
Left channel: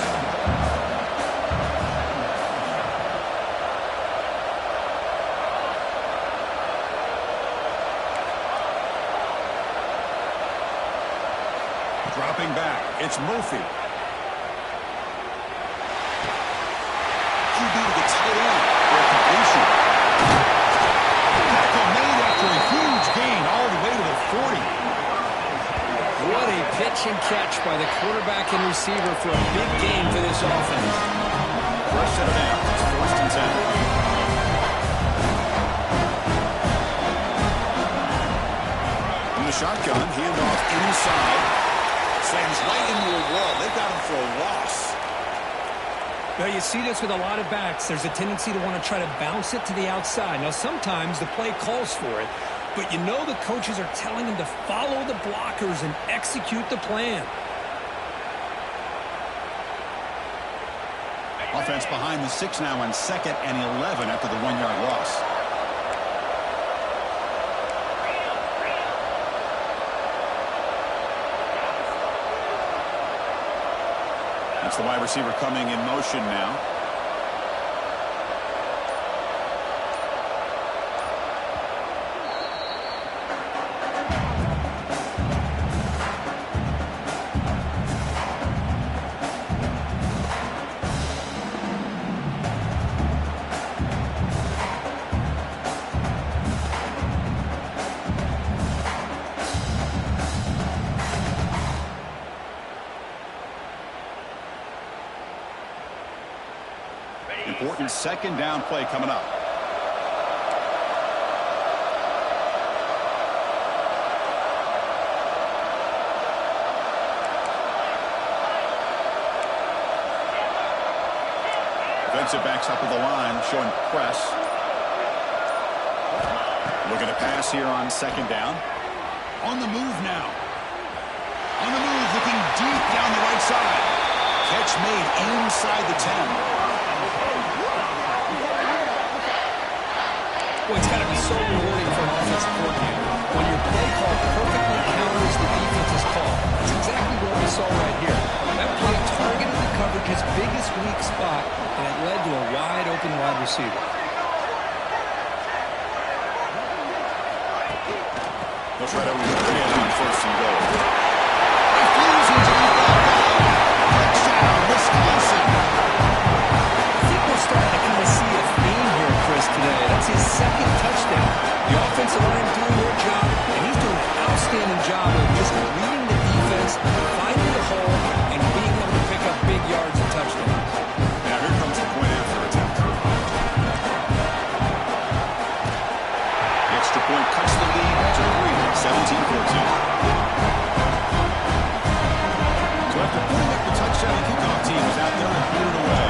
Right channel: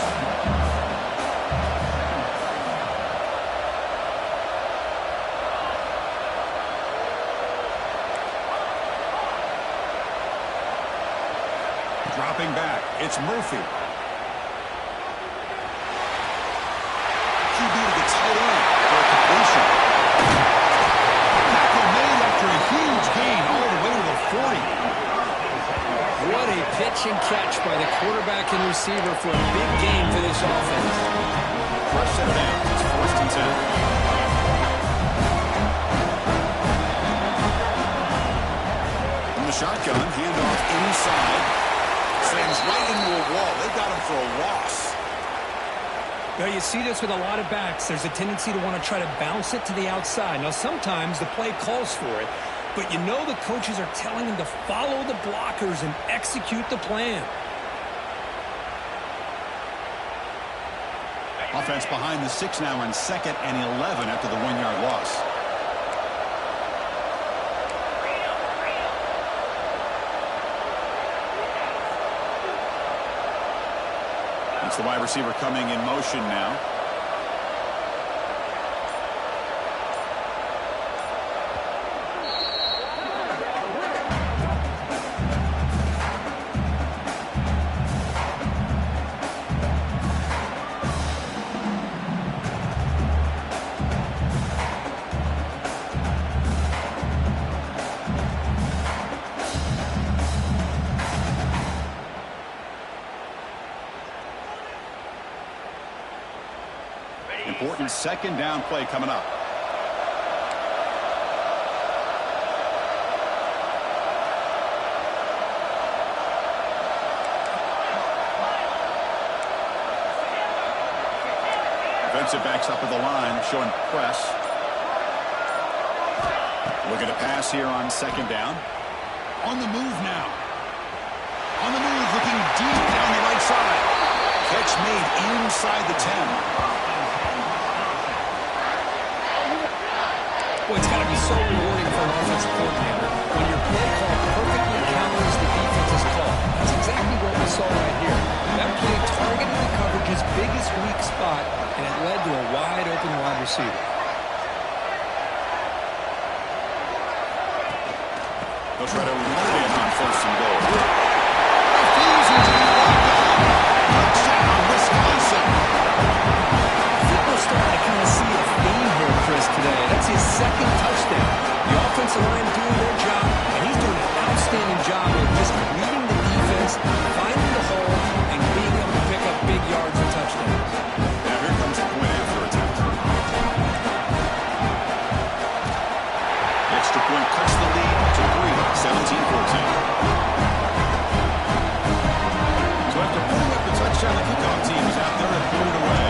Dropping back, it's Murphy. QB to the tight end for a completion. Tackle made after a huge gain all the way to the 40. What a pitch and catch by the quarterback and receiver for a big gain for this offense. Rush set it down. It's 1st and 10. From the shotgun, handoff inside. Slams right into a wall. They've got him for a loss. Now, you see this with a lot of backs. There's a tendency to want to try to bounce it to the outside. Now, sometimes the play calls for it, but you know the coaches are telling them to follow the blockers and execute the plan. Offense behind the 6 now on 2nd and 11 after the 1-yard loss. It's the wide receiver coming in motion now. Important 2nd down play coming up. Defensive backs up at the line, showing press. Looking to pass here on 2nd down. On the move now. On the move, looking deep down the right side. Catch made inside the 10. Boy, it's got to be so rewarding for an offensive coordinator when your play call perfectly counters the defense's call. That's exactly what we saw right here. That play targeted the coverage's biggest weak spot, and it led to a wide-open wide receiver. They'll try to run it in on 1st and goal. Refuses to be brought down. Touchdown, Wisconsin. I think we're starting to kind of see a theme here, Chris, today. That's his 2nd touchdown. The offensive line doing their job, and he's doing an outstanding job of just reading the defense, finding the hole, and being able to pick up big yards and touchdowns. Now here comes the point after attempt. The extra point cuts the lead to 3, 17-14. So after putting up the touchdown, the kickoff team is out there and put it away.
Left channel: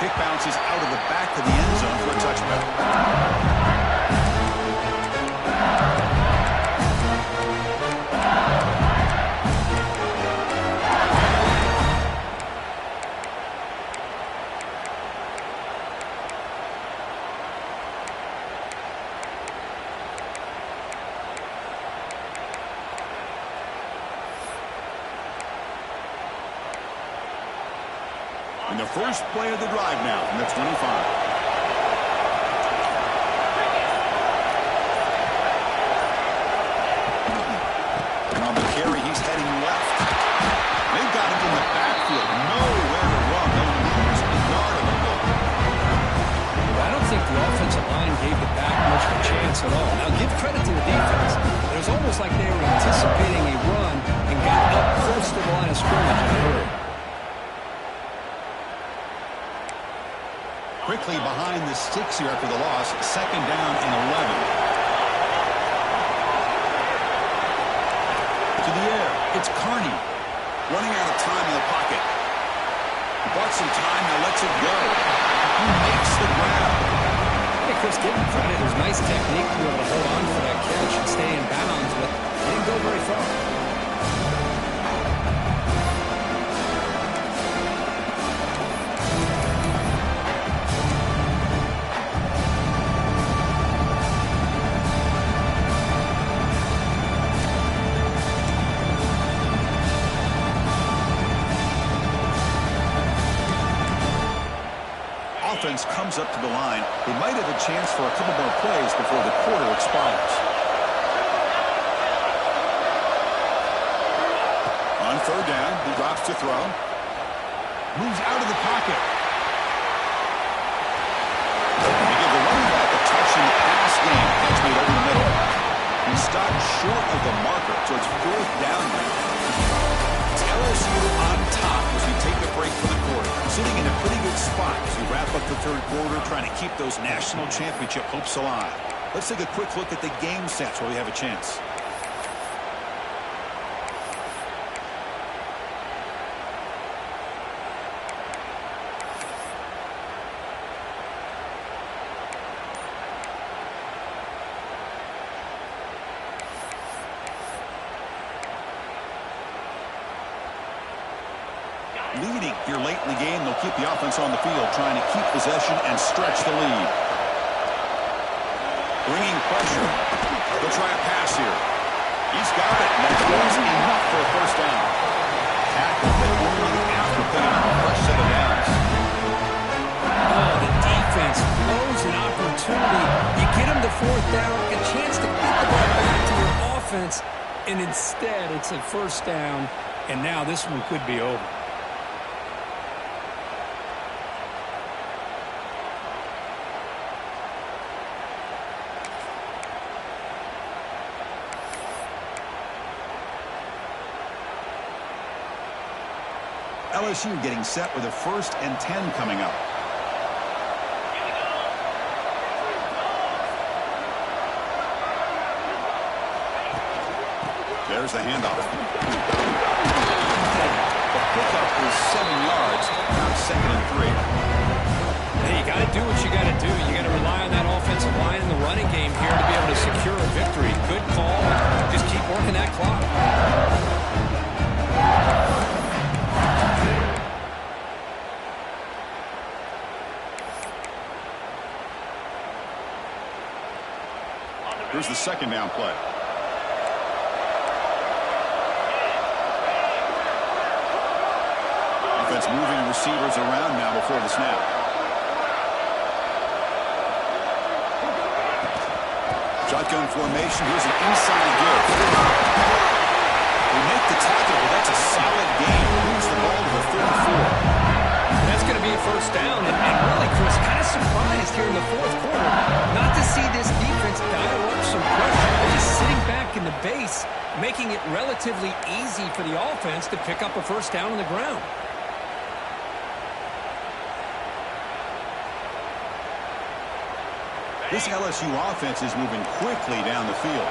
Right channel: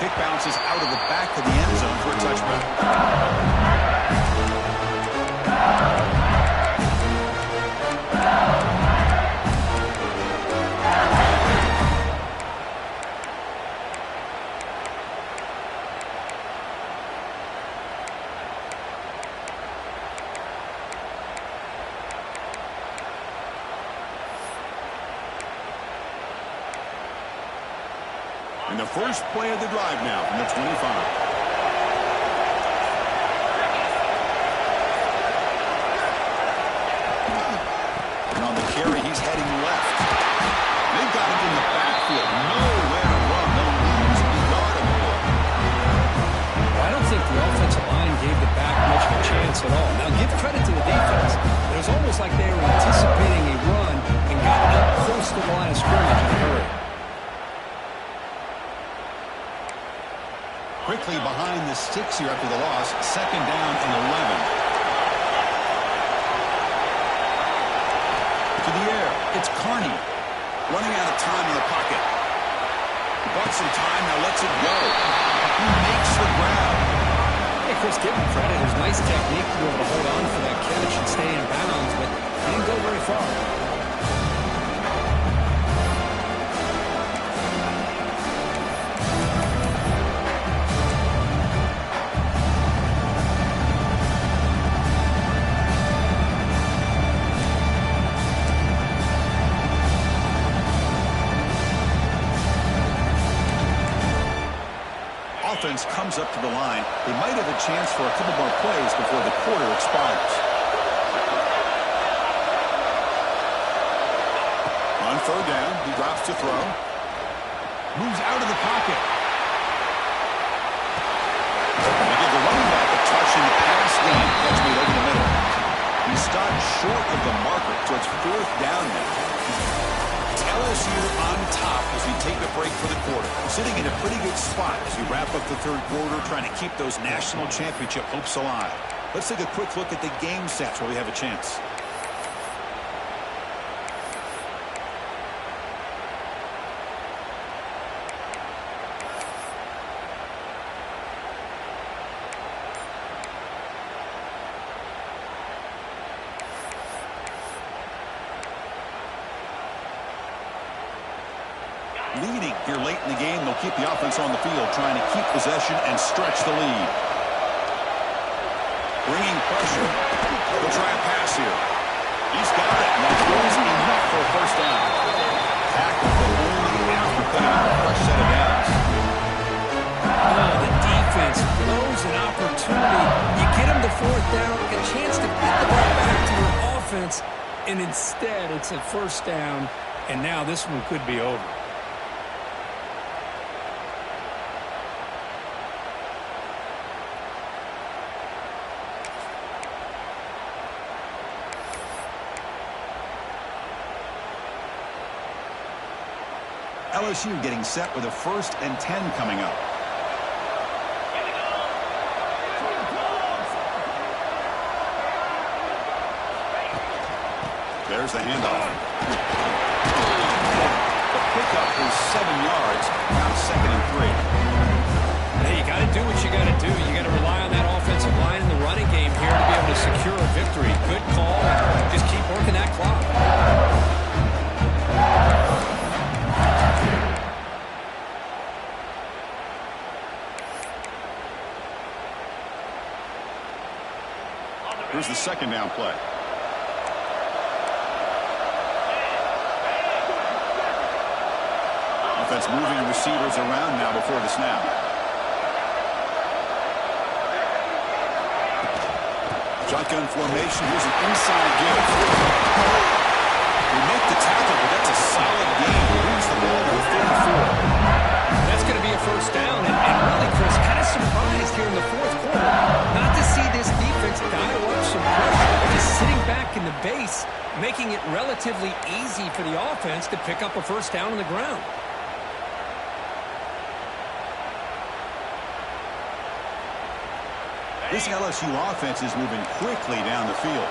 Kick bounces out of the back of the end zone for a touchback. And the first play of the drive now from the 25. And on the carry, he's heading left. They've got him in the backfield. Nowhere to run. They'll lose a yard on the ball. Well, I don't think the offensive line gave the back much of a chance at all. Now, give credit to the defense. It was almost like they were anticipating a run and got up close to the line of scrimmage in a hurry. Quickly behind the 6 here after the loss. 2nd down and 11. To the air. It's Carney. Running out of time in the pocket. He bought some time, now lets it go. He makes the grab. Hey, Chris, give him credit. It was nice technique to be able to hold on for that catch and stay in bounds, but he didn't go very far. Offense comes up to the line. They might have a chance for a couple more plays before the quarter expires. On 3rd down, he drops to throw. Moves out of the pocket. They give the running back a touch in the pass game. Catch made over the middle. He stopped short of the marker, so it's 4th down now. LSU on top as we take a break for the quarter. Sitting in a pretty good spot as we wrap up the third quarter, trying to keep those national championship hopes alive. Let's take a quick look at the game stats while we have a chance. Leading here late in the game, they'll keep the offense on the field, trying to keep possession and stretch the lead. Bringing pressure. They'll try a pass here. He's got it, and that was enough for a first down. Tackle, but only after picking up a fresh set of downs. Oh, the defense blows an opportunity. You get them to fourth down, a chance to get the ball back to your offense, and instead it's a first down, and now this one could be over. LSU getting set with a 1st and 10 coming up. There's the handoff. The pickup is 7 yards. Now 2nd and 3. Hey, you got to do what you got to do. You got to rely on that offensive line in the running game here to be able to secure a victory. Good call. Just keep working that clock. Here's the 2nd down play. Offense moving receivers around now before the snap. Shotgun formation. Here's an inside give. They make the tackle, but that's a solid gain. Moves the ball to the 34. That's going to be a first down, and really, Chris, kind of surprised here in the fourth quarter not to see this defense dial up some pressure. They're just sitting back in the base, making it relatively easy for the offense to pick up a first down on the ground. This LSU offense is moving quickly down the field.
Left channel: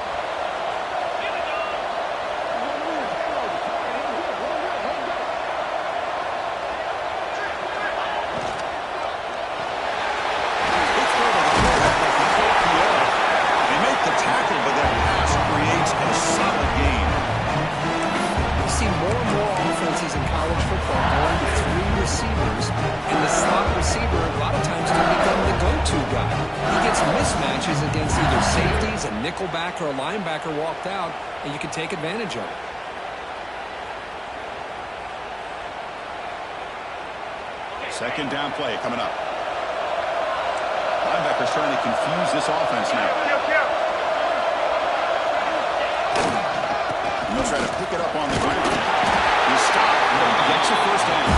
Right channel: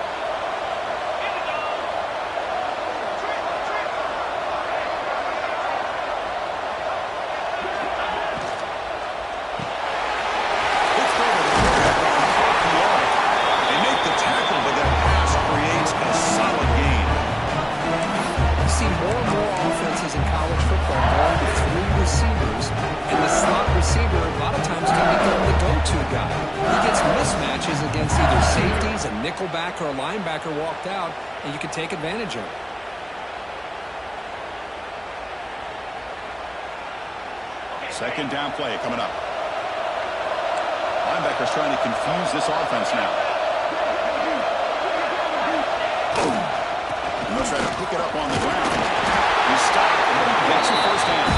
In college football, going to 3 receivers, and the slot receiver a lot of times can become the go-to guy. He gets mismatches against either safeties, a nickelback, or a linebacker walked out, and you can take advantage of it. Second down play coming up. Linebackers trying to confuse this offense now. And they'll try to pick it up on the ground. He stopped, but he gets a first down.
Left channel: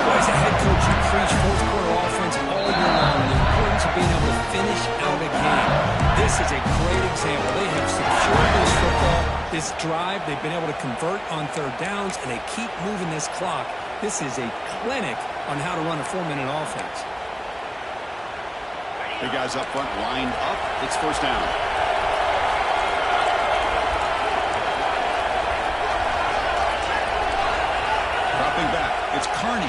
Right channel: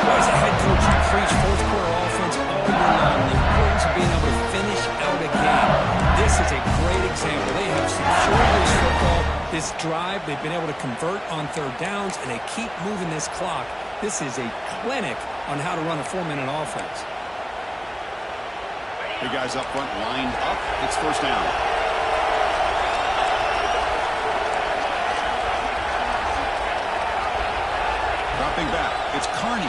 Well, as a head coach, you preach fourth quarter offense all year long. The importance of being able to finish out a game. This is a great example. They have secured this football, this drive. They've been able to convert on 3rd downs, and they keep moving this clock. This is a clinic on how to run a 4-minute offense. Big guys up front lined up. It's first down. Dropping back, it's Carney.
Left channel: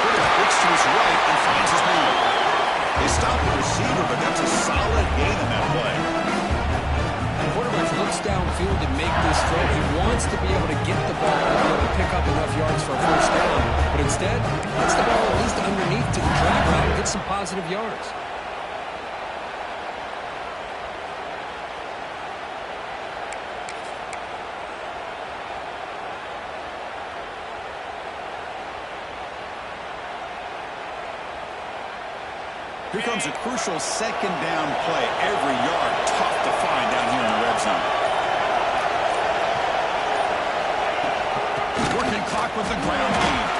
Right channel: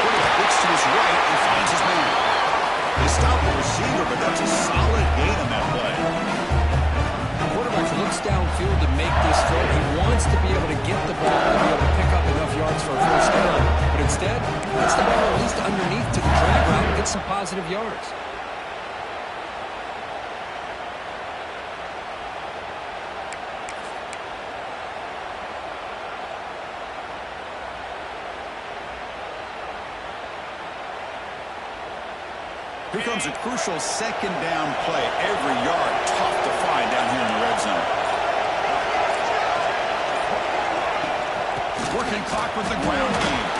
Quarterback looks to his right and finds his man. They stop the receiver, but that's a solid gain on that play. The quarterback looks downfield to make this throw. He wants to be able to get the ball to be able to pick up enough yards for a first down, but instead, gets the ball at least underneath to the drag route and gets some positive yards. Here comes a crucial 2nd down play. Every yard tough to find down here in the red zone. Working clock with the ground game.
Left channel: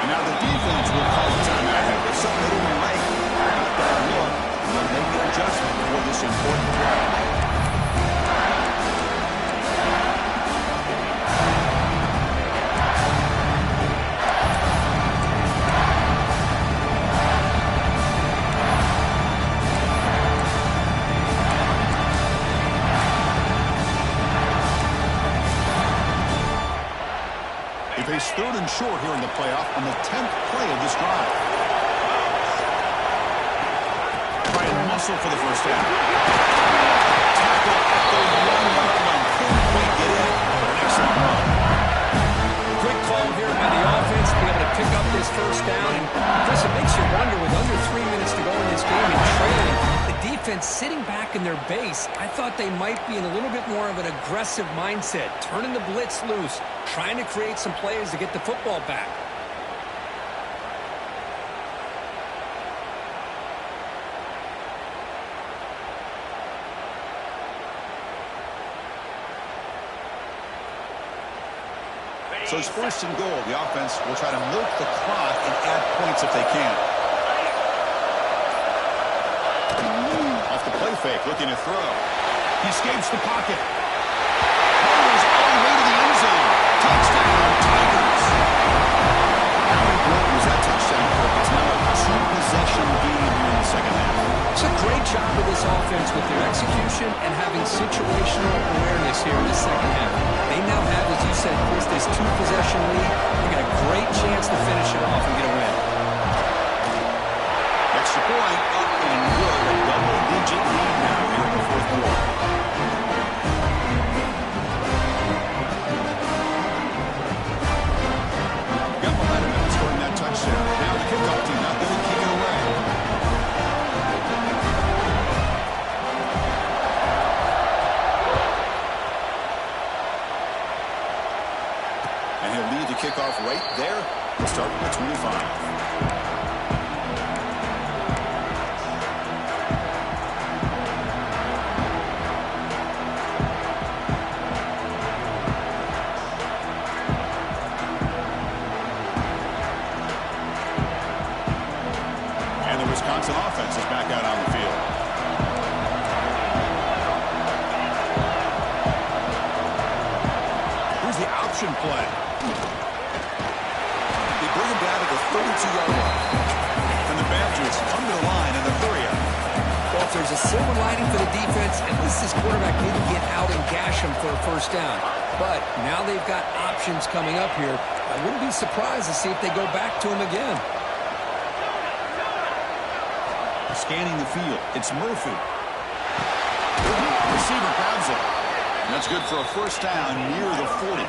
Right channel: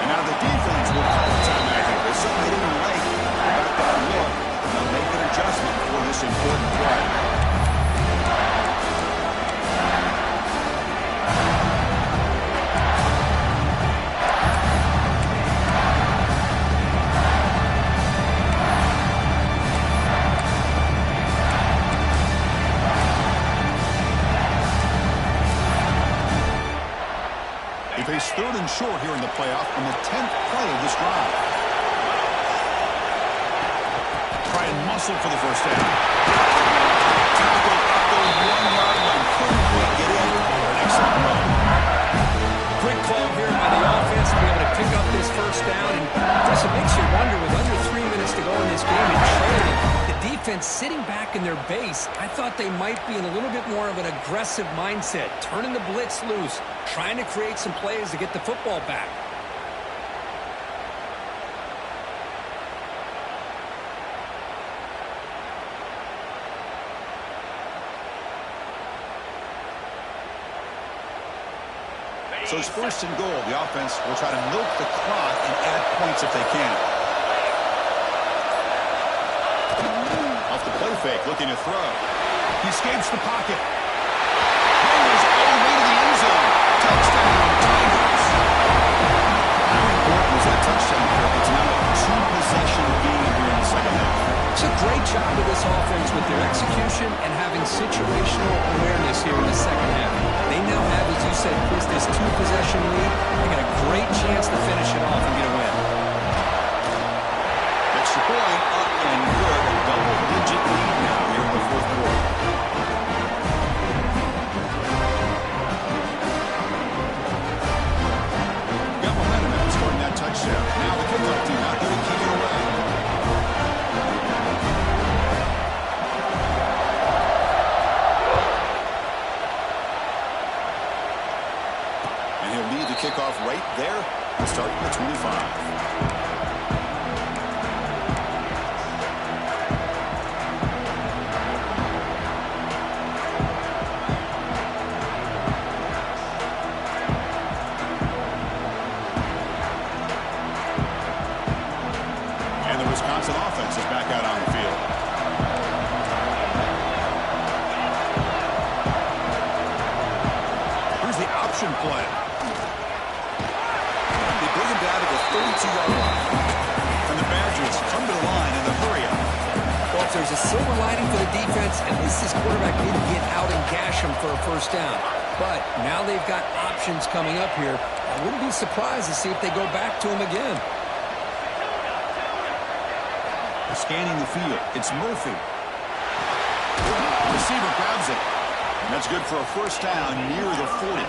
And now the defense will call a timeout here. There's something they didn't like about that look. And they'll make an adjustment for this important play. face third and short here in the playoff on the 10th play of this drive. Try and muscle for the first down. Tackle at the 1-yard line. Couldn't quite get in, but an excellent run. Quick call here by the offense to be able to pick up this first down. And Chris, it makes you wonder, with under 3 minutes to go in this game and trailing, the defense sitting back in their base, I thought they might be in a little bit more of an aggressive mindset, turning the blitz loose, trying to create some plays to get the football back. So it's first and goal. The offense will try to milk the clock and add points if they can. Off the play fake, looking to throw. He escapes the pocket. Runners all the way to the end zone. Touchdown, Tigers. How important was that touchdown, Kirk? It's now a two-possession game here in the second half. It's a great job of this offense with their execution and having situational awareness here in the second half. They now have, as you said, Chris, this two-possession lead. They got a great chance to finish it off and get a win. Extra point, up and good. A double-digit lead now here in the fourth quarter. Got momentum after scoring that touchdown. Now the kickoff team out there to kick it away. And he'll lead the kickoff right there. We'll start with 25. And the Wisconsin offense is back out on the field. Here's the option play. They bring him down to the 32-yard line. And the Badgers come to the line in the hurry-up. Well, if there's a silver lining for the defense, at least this quarterback didn't get out and gash him for a first down. But now they've got options coming up here. I wouldn't be surprised to see if they go back to him again. Scanning the field. It's Murphy. The receiver grabs it. And that's good for a first down near the 40.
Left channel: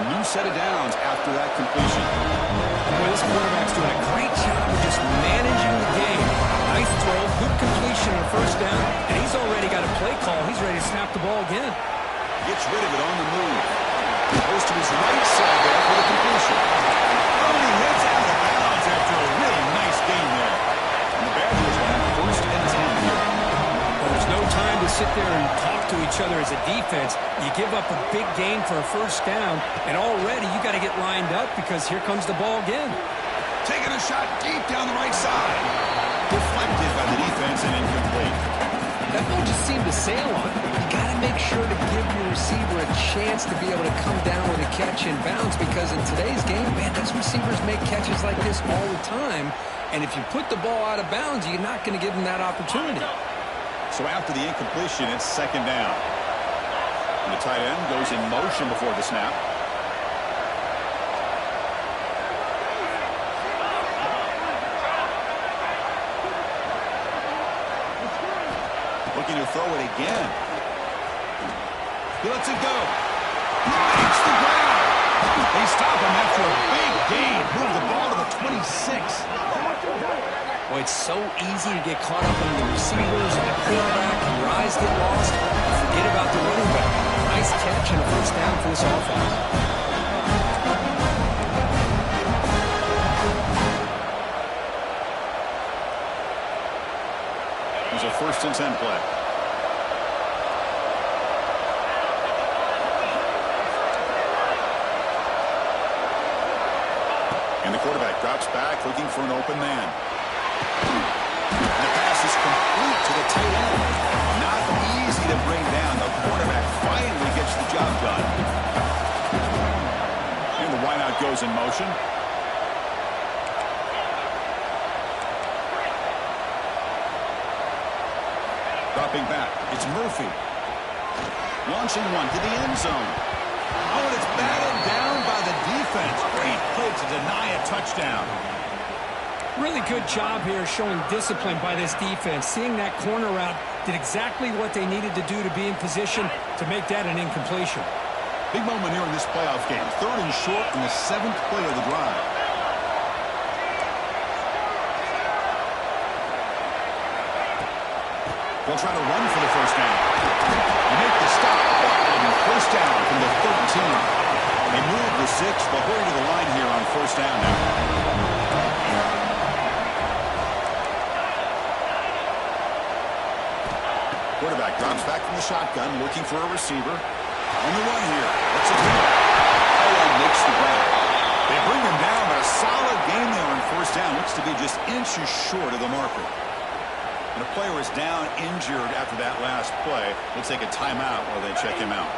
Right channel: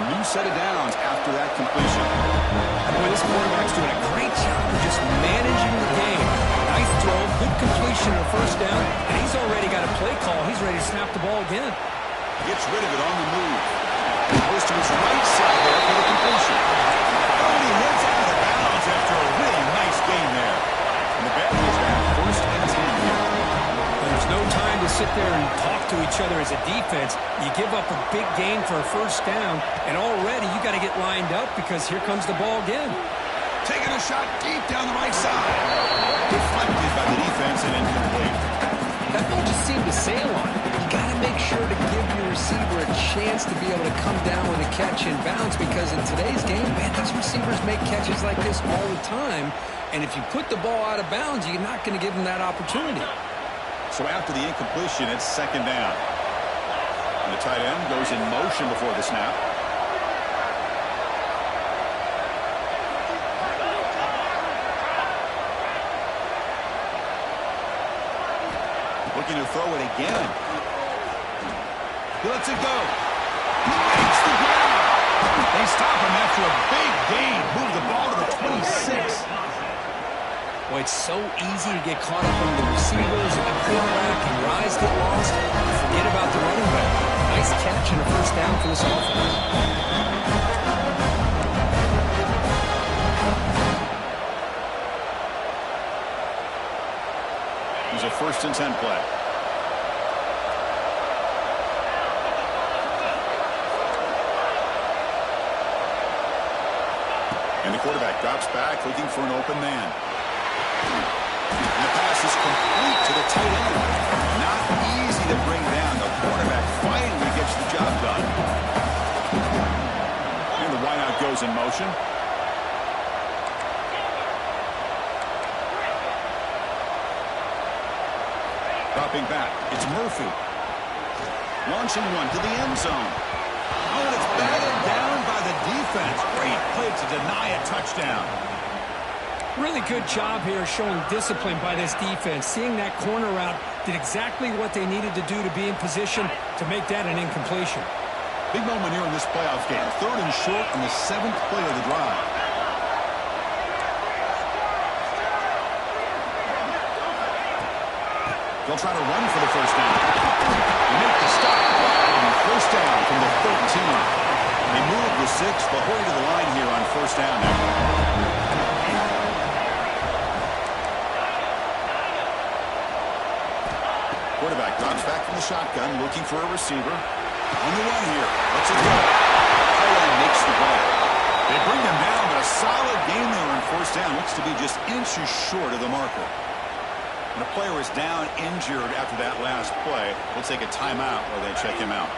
A new set of downs after that completion. Boy, this quarterback's doing a great job of just managing the game. Nice throw, good completion on first down, and he's already got a play call. He's ready to snap the ball again. Gets rid of it on the move. Goes to his right side there for the completion. Oh, and he heads out of bounds after a really nice gain there. And the Badgers will have first and 10 here. But there's no time to sit there and talk to each other as a defense. You give up a big gain for a first down, and already you got to get lined up because here comes the ball again. Taking a shot deep down the right side. Deflected by the defense and incomplete. That ball just seemed to sail on it. You got to make sure to give your receiver a chance to be able to come down with a catch and bounce, because in today's game, man, those receivers make catches like this all the time. And if you put the ball out of bounds, you're not going to give them that opportunity. So after the incompletion, it's second down. And the tight end goes in motion before the snap. Looking to throw it again. He lets it go. He makes the ground. They stop him after a big gain. Move the ball to the 26. Well, it's so easy to get caught up on the receivers and the quarterback, and your eyes get lost. You forget about the running back. Nice catch and a first down for this offense. It's a first and 10 play. And the quarterback drops back looking for an open man. And the pass is complete to the tight end. Not easy to bring down. The quarterback finally gets the job done. And the wideout goes in motion. Dropping back, it's Murphy. Launching one to the end zone. Oh, and it's batted down by the defense. Great play to deny a touchdown. Really good job here showing discipline by this defense. Seeing that corner route did exactly what they needed to do to be in position to make that an incompletion. Big moment here in this playoff game. 3rd and short on the 7th play of the drive. They'll try to run for the first down. They make the stop. It'll be first down from the 13. They move the 6. They'll hurry to the line here on first down now. Quarterback drops back from the shotgun, looking for a receiver. On the run here. Let's it go. Tight end makes the grab. They bring him down, but a solid gain there on first down. Looks to be just inches short of the marker. And a player is down injured after that last play. We'll take a timeout while they check him out.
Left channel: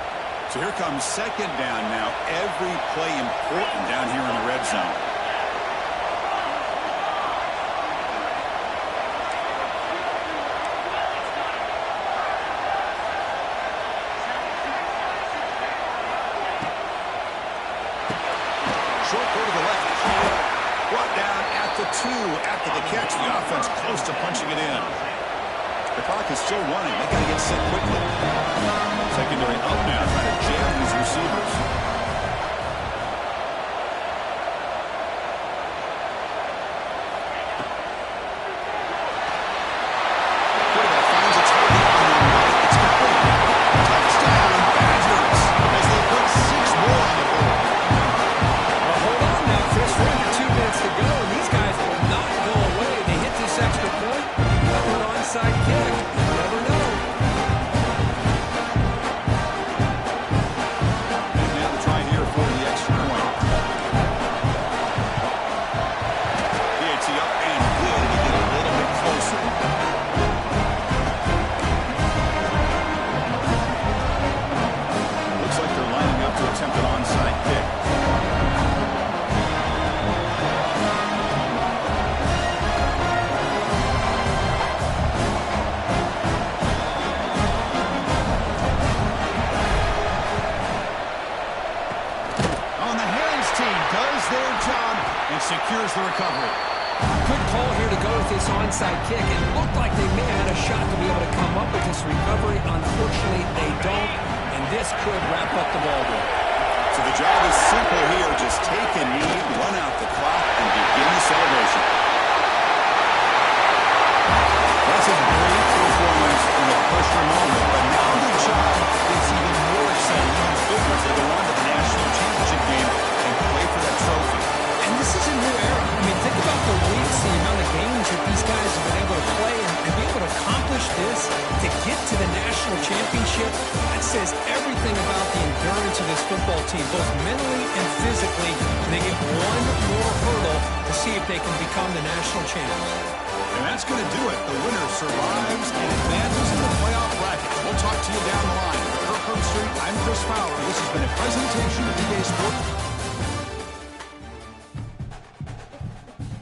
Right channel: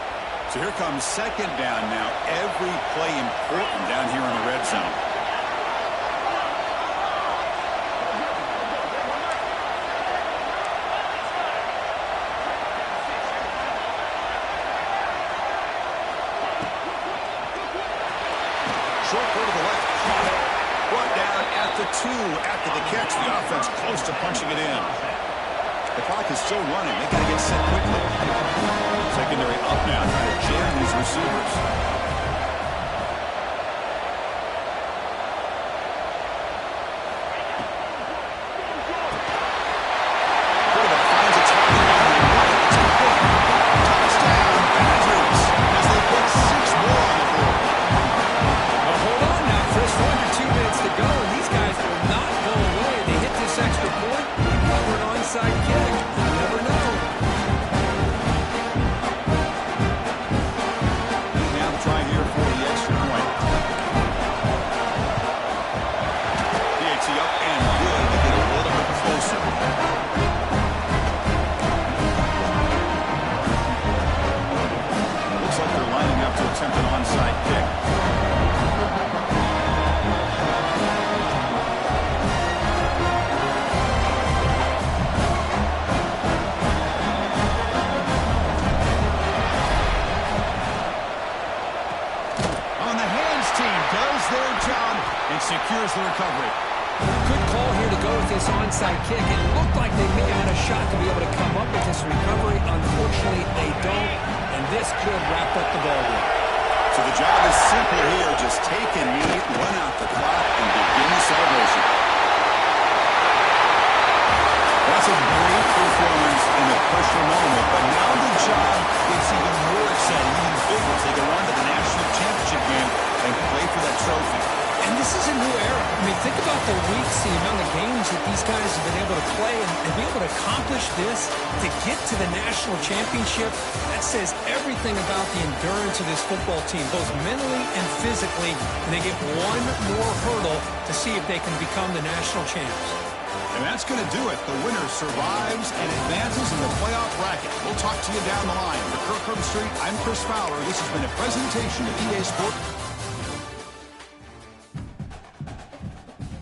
So here comes second down now. Every play important down here in the red zone. Short throw to the left. Brought down at the 2 after the catch. The offense close to punching it in. The clock is still running. They got to get set quickly. Secondary up now, trying to jam these receivers. Quarterback finds a target on the right. It's complete. Touchdown, Badgers, as they put 6 more on the board. Well, hold on now, Chris. We're under 2 minutes to go, and these guys will not go away. They hit this extra point, cover an onside kick. You never know. And now the try here for the extra point. PAT up and good to get a little bit closer. Looks like they're lining up to attempt an onside kick. Team does their job and secures the recovery. Good call here to go with this onside kick. It looked like they may have had a shot to be able to come up with this recovery. Unfortunately, they don't, and this could wrap up the ball game. So the job is simple here. Just take a knee, run out the clock, and begin the celebration. That's a great performance in a pressure moment, but now the job gets even more exciting, even bigger as they go on to the national championship game and play for that trophy. And this is a new era. I mean, think about the weeks, the amount of games that these guys have been able to play, and be able to accomplish this, to get to the national championship. That says everything about the endurance of this football team, both mentally and physically. And they get one more hurdle to see if they can become the national champs. And that's going to do it. The winner survives and advances in the playoff bracket. We'll talk to you down the line. For Kirk Herbstreit, I'm Chris Fowler. This has been a presentation of EA Sports.